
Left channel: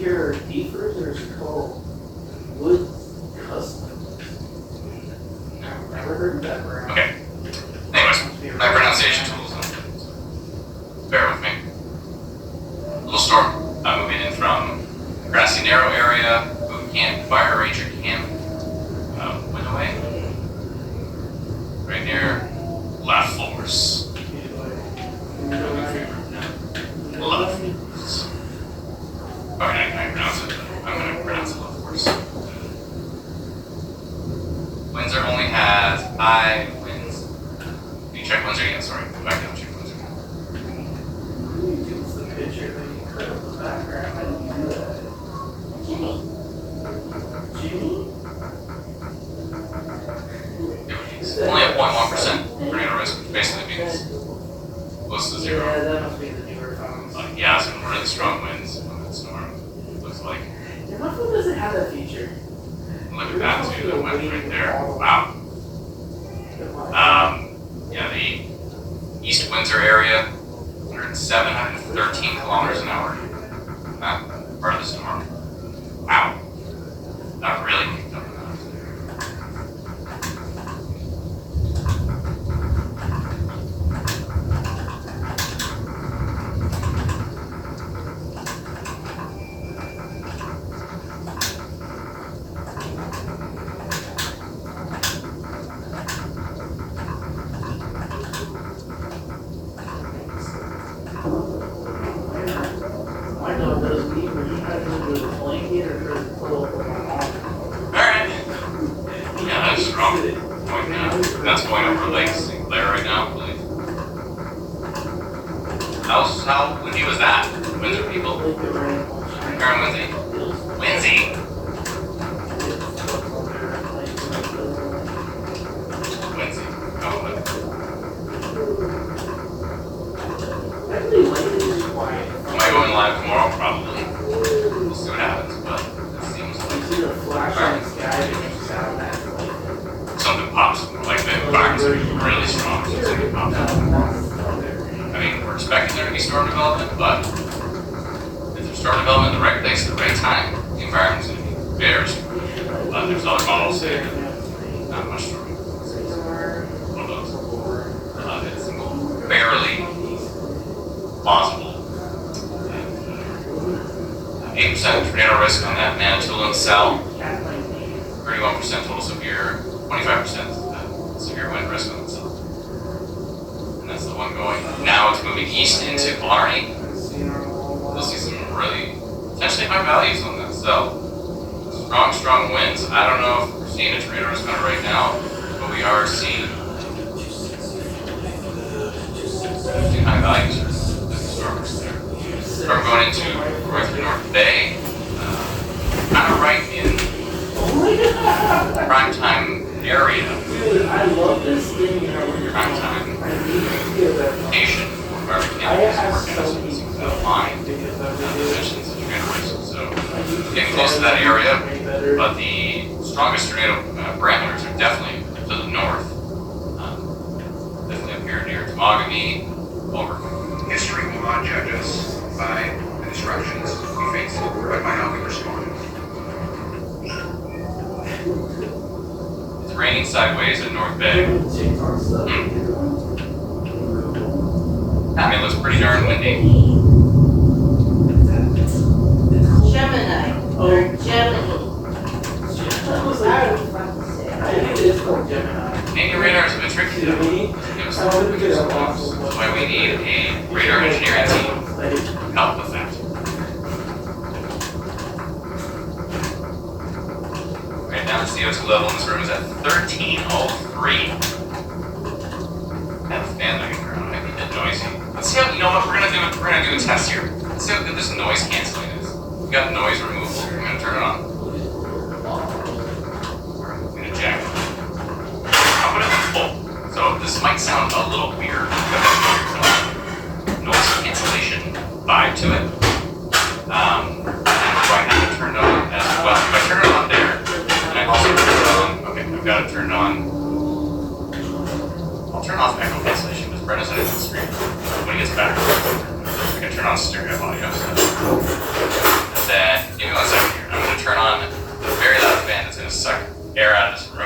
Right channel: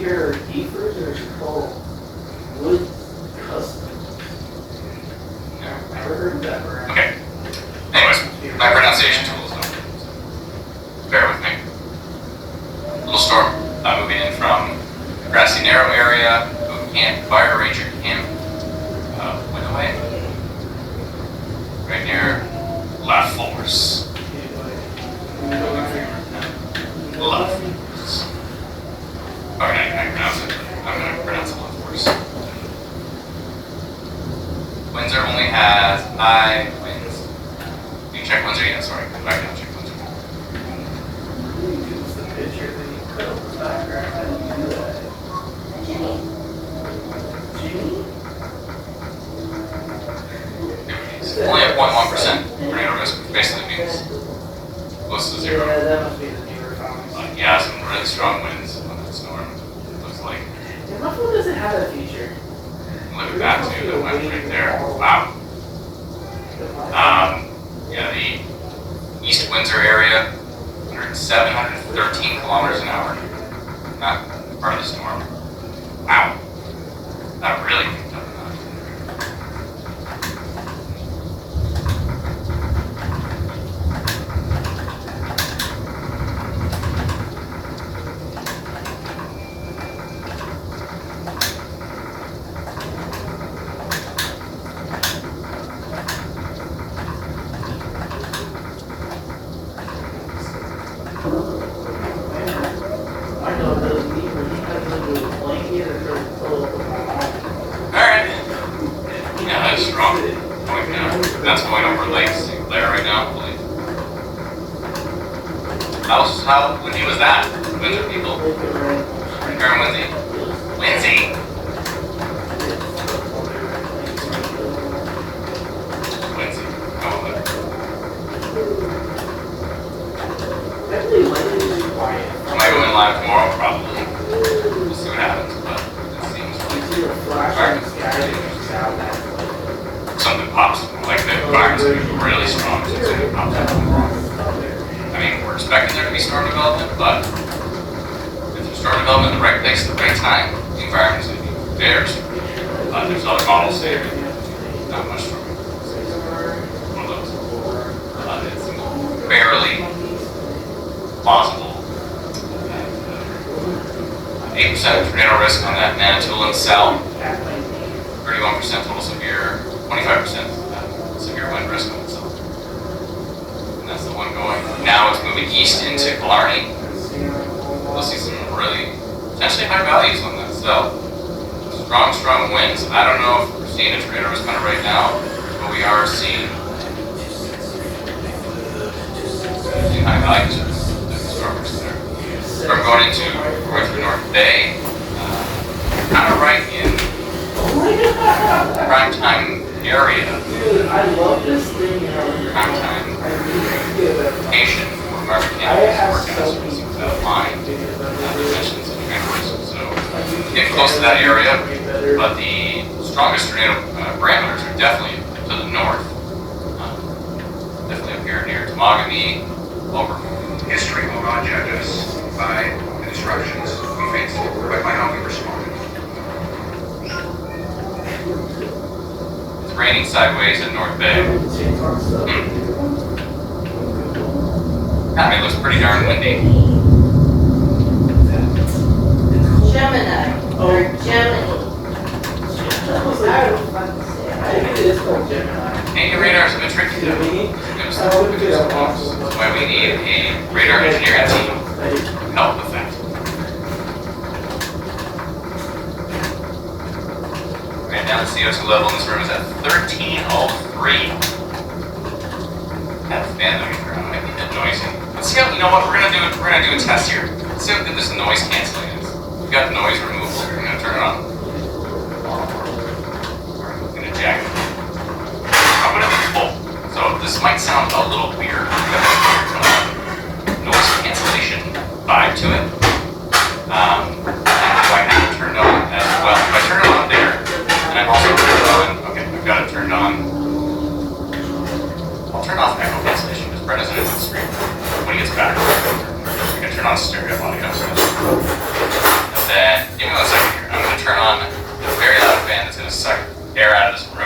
Your Heathers are called wood customs. Never heard of that brand. Okay. Anyways, my pronunciation tools don't. Bear with me. Little storm moving in from Grassy Narrow area, boot camp, fire ranger camp, went away. Right near La Force. La Force. Okay, I pronounce it. I'm going to pronounce it La Force. Windsor only has high winds. You check Windsor yet? Sorry, go back down and check Windsor. It's the picture that you put up the background. How did you do that? Jimmy. Jimmy? It's only at 0.1% tornado risk, which basically means close to Yeah, zero. that must be the newer phones. Yeah, some really strong winds on that storm. Looks like. Yeah, my phone doesn't have that feature. Look at that too, that went right there. Wow. Yeah, the East Windsor area, 107, 113 kilometers an hour. Not part of the storm. Wow. That really picked up. I know it does me, but you have to do a blanket or try to pull up with my mom. Alright. Yeah, that's strong. Going down. That's going over Lake St. Clair right now, I believe. How windy was that? Windsor people? Very windy. Windy? Windy. Oh, but am I going live tomorrow? Probably. We'll see what happens, but it seems like something pops. Like the environment's going to be really strong, so something pops up. I mean, we're expecting there to be storm development, but if there's storm development in the right place at the right time, the environment is going to be very similar. There's other models there, not much from one of those. It's barely plausible. 8% tornado risk on that Manitoulin South, 31% total severe, 25% severe wind risk on the south. And that's the one going. Now it's moving east into Killarney. We'll see some really potentially high values on that south. Strong winds. I don't know if we're seeing a tornado risk kind of right now, but we are seeing high values for the storms there. From going into North Bay, kind of right in prime time area. Dude, I love this thing. Prime time location where we can forecast without line dimensions and tornado risk. So getting close to that area, but the strongest tornado parameters are definitely to the north. Definitely up here near Temagami, over. History will not judge us by the disruptions we face, but by how we respond. It's raining sideways at North Bay. It looks pretty darn windy. Gemini, or Gemini. I think it is from Gemini. Canadian radars have been tricky though. That's why we need a radar engineering team to help with that. Right now the CO2 level in this room is at 1303. That fan that I can turn on might be a bit noisy. Let's see how, you know what, we're gonna do a test here. Let's see how good this noise canceling is. We've got noise removal. We're gonna turn it on. We're gonna jack it. I'm gonna full. So this might sound a little weird. Noise cancellation vibe to it. So I have it turned on as well. If I turn it on there, and I've also turned it on, okay, I've got it turned on. I'll turn off echo cancellation because Brett doesn't have the screen when he gets better. I'm gonna turn on stereo audio. And then, give me 1 second here. I'm gonna turn on a very loud fan that's gonna suck air out of this room.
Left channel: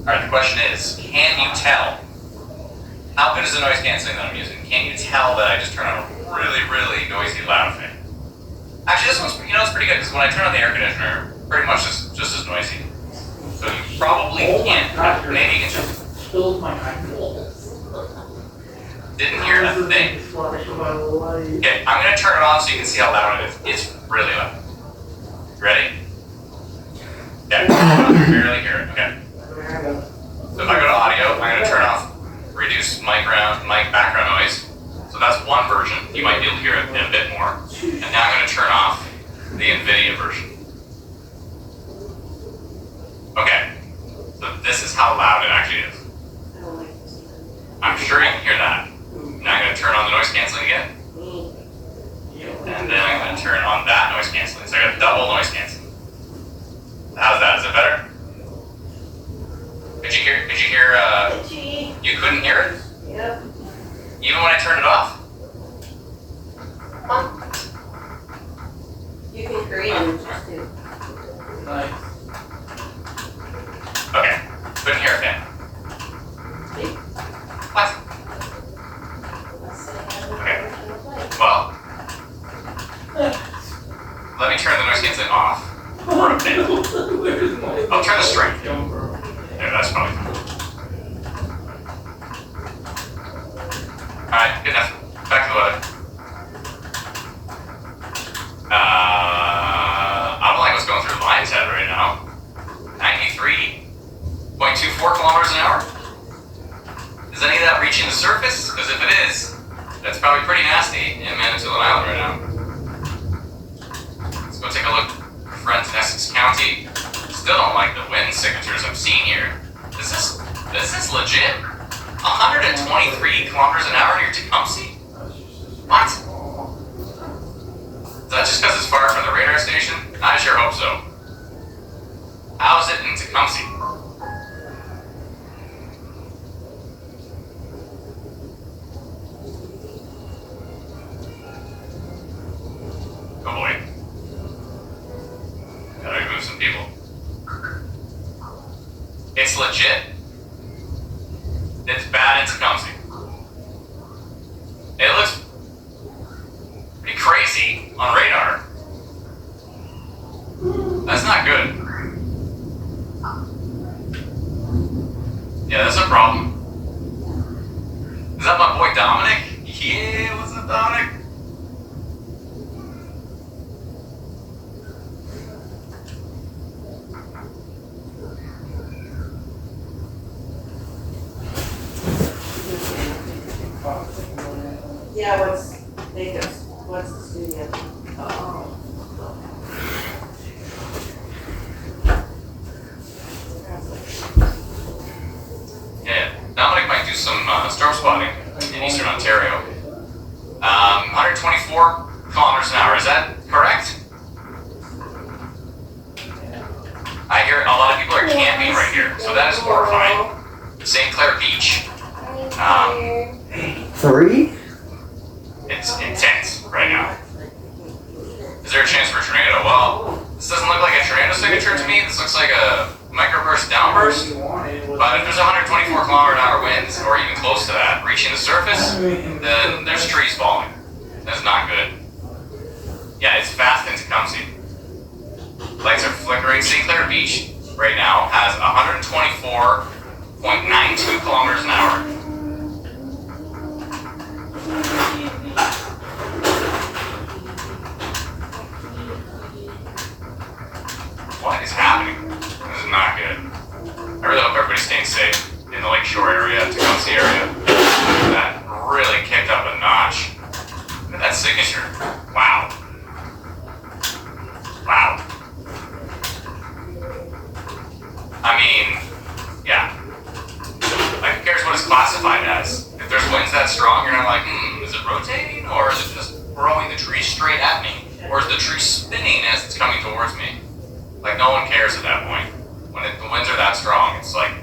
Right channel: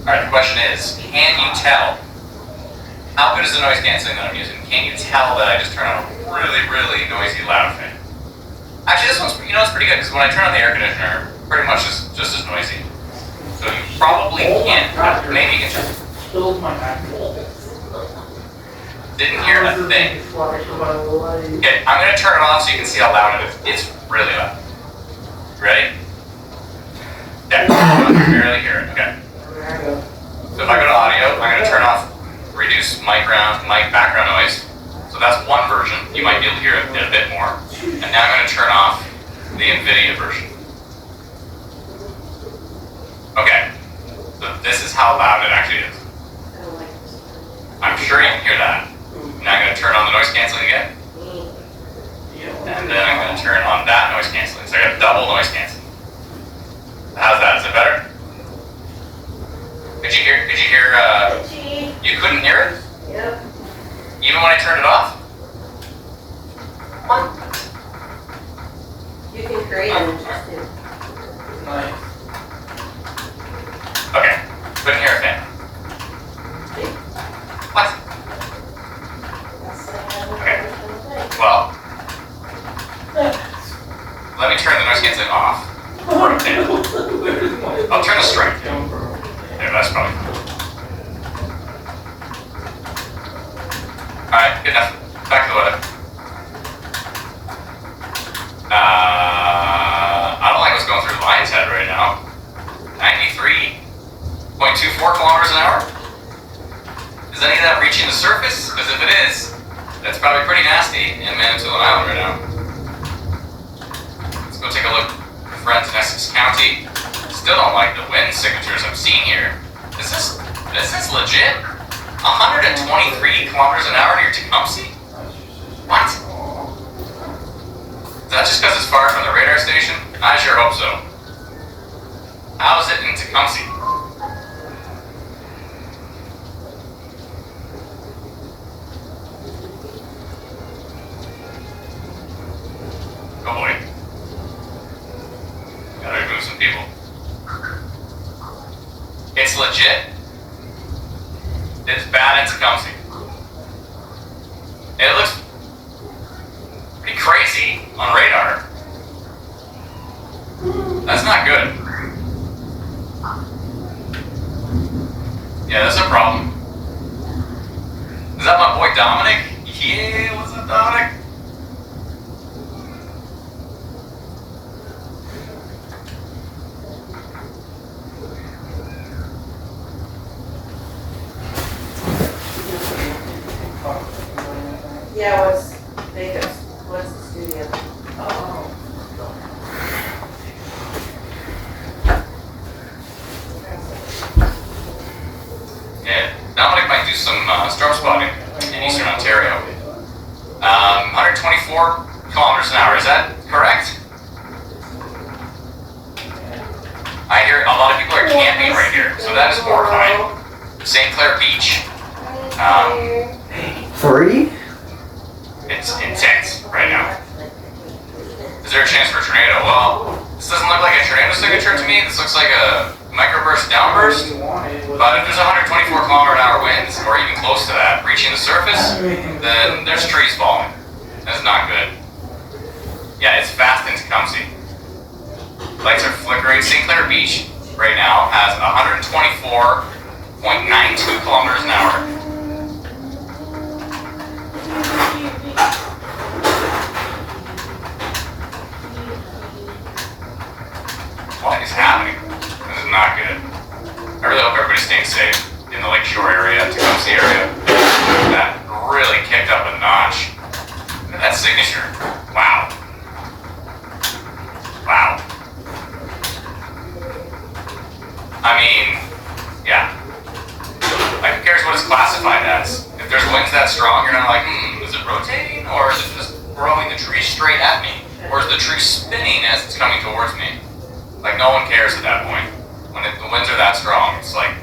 Alright, the question is, can you tell? How good is the noise canceling that I'm using? Can you tell that I just turned on a really noisy loud fan? Actually, this one's, it's pretty good because when I turn on the air conditioner, pretty much just as noisy. So you probably can't, maybe you can just, Killed my eyeball. didn't hear a thing. Okay, I'm going to turn it on so you can see how loud it is. It's really loud. Ready? Yeah, you can barely hear it. Okay. So if I go to audio, I'm going to turn off reduce mic background noise. So that's one version. You might be able to hear it in a bit more. And now I'm going to turn off the NVIDIA version. Okay. So this is how loud it actually is. I'm sure you can hear that. Now I'm going to turn on the noise canceling again. And then I'm going to turn on that noise canceling. So I got double noise canceling. How's that? Is it better? Did you hear, you couldn't hear it? Yep. Even when I turned it off? You can create it just to. Nice. Okay, couldn't hear a fan. What? Okay, well, let me turn the noise canceling off. For a bit. I'll turn the strength. Yeah, that's probably fine. Alright, good enough. Back to the weather. I don't like what's going through Lion's Head right now. 93.24 kilometers an hour. Is any of that reaching the surface? Because if it is, that's probably pretty nasty in Manitoulin Island right now. Let's go take a look at friends in Essex County. Still don't like the wind signatures I'm seeing here. Is this legit? 123 kilometers an hour near Tecumseh? What? Is that just because it's far from the radar station? I sure hope so. How is it in Tecumseh? Oh boy. Gotta remove some people. It's legit. It's bad in Tecumseh. It looks pretty crazy on radar. That's not good. Yeah, that's a problem. Is that my boy Dominic? Yeah, what's up, Dominic? Yeah, what's Vegas? What's the studio? Oh. Yeah, Dominic might do some storm spotting in eastern Ontario. 124 kilometers an hour, is that correct? I hear a lot of people are camping right here, so that is horrifying. St. Clair Beach. Free? It's intense right now. Is there a chance for a tornado? Well, this doesn't look like a tornado signature to me. This looks like a microburst downburst. But if there's 124 kilometer an hour winds, or even close to that, reaching the surface, then there's trees falling. That's not good. Yeah, it's fast in Tecumseh. Lights are flickering. St. Clair Beach right now has 124.92 kilometers an hour. What is happening? This is not good. I really hope everybody's staying safe in the Lakeshore area, Tecumseh area. That really kicked up a notch. Look at that signature. Wow. Wow. I mean, yeah. Like, who cares what it's classified as? If there's winds that strong, you're not like, is it rotating? Or is it just throwing the tree straight at me? Or is the tree spinning as it's coming towards me? Like, no one cares at that point. When the winds are that strong, it's like,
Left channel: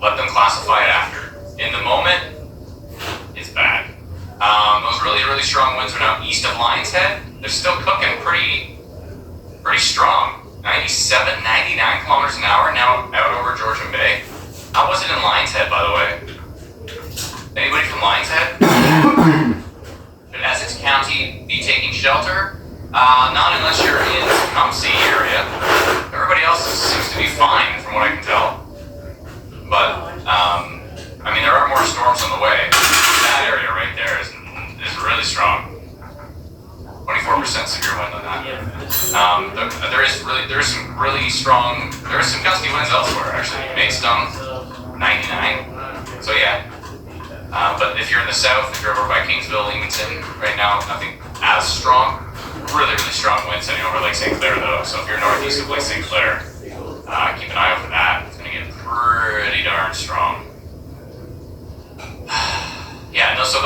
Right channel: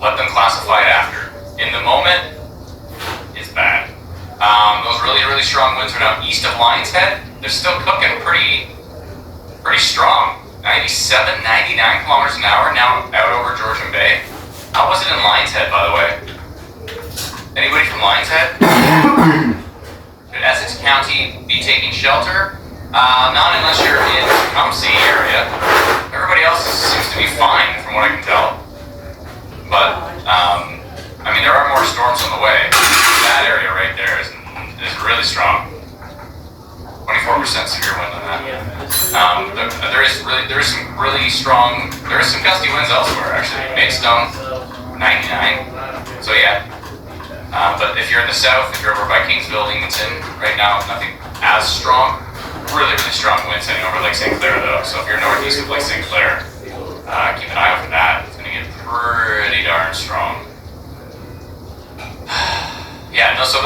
let them classify it after. In the moment, it's bad. Those really, really strong winds are now east of Lions Head. They're still cooking pretty strong. 97, 99 kilometers an hour now out over Georgian Bay. How was it in Lions Head, by the way? Anybody from Lions Head? Should Essex County be taking shelter? Not unless you're in the Tecumseh area. Everybody else seems to be fine, from what I can tell. But, I mean, there are more storms on the way. That area right there is really strong. 24% severe wind on that. There is some really strong, there is some gusty winds elsewhere, actually. Maidstone, 99. So yeah. But if you're in the south, if you're over by Kingsville, Leamington, right now, nothing as strong. Really, really strong winds heading over Lake St. Clair, though. So if you're northeast of Lake St. Clair, keep an eye out for that. It's going to get pretty darn strong. Yeah, no, so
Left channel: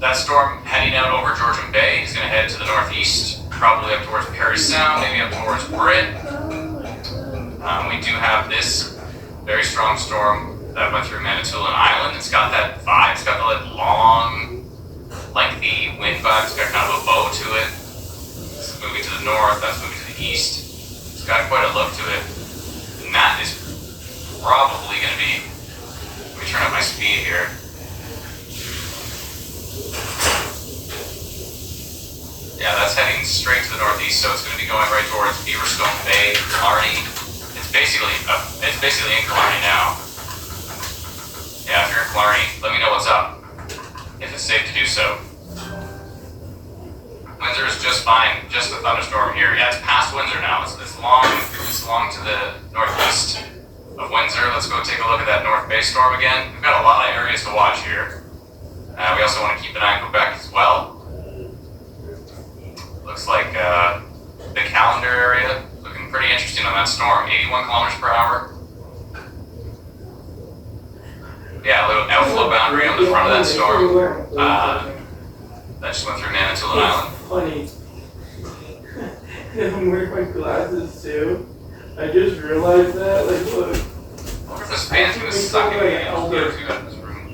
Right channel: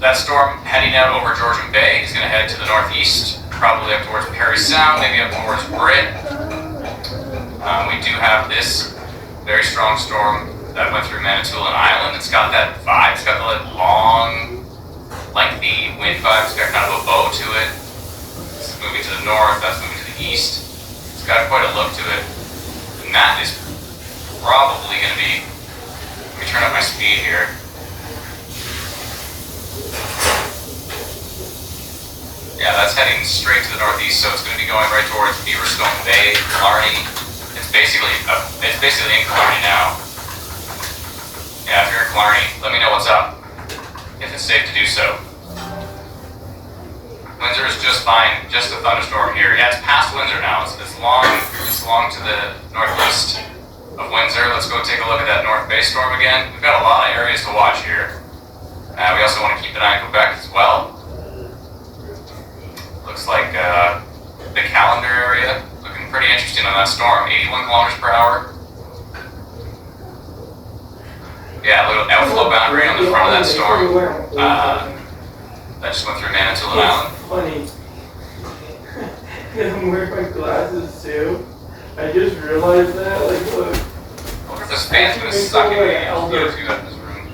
that storm heading out over Georgian Bay is going to head to the northeast, probably up towards Perry Sound, maybe up towards Britt. We do have this very strong storm that went through Manitoulin Island. It's got that vibe. It's got the long, lengthy wind vibe. It's got kind of a bow to it. It's moving to the north. That's moving to the east. It's got quite a look to it. And that is probably going to be... Let me turn up my speed here. Yeah, that's heading straight to the northeast, so it's going to be going right towards Beaverstone Bay, Killarney. It's basically in Killarney now. Yeah, if you're in Killarney, let me know what's up, if it's safe to do so. Windsor is just fine, just a thunderstorm here. Yeah, it's past Windsor now. It's long to the northeast of Windsor. Let's go take a look at that North Bay storm again. We've got a lot of areas to watch here. We also want to keep an eye on Quebec as well. Looks like the Callander area, looking pretty interesting on that storm. 81 kilometers per hour. Yeah, a little outflow boundary on the front of that storm. That just went through Manitoulin Island. Funny. I'm wearing my glasses too. I just realized that, like, look. I wonder if this fan's gonna suck any CO2 out of this room.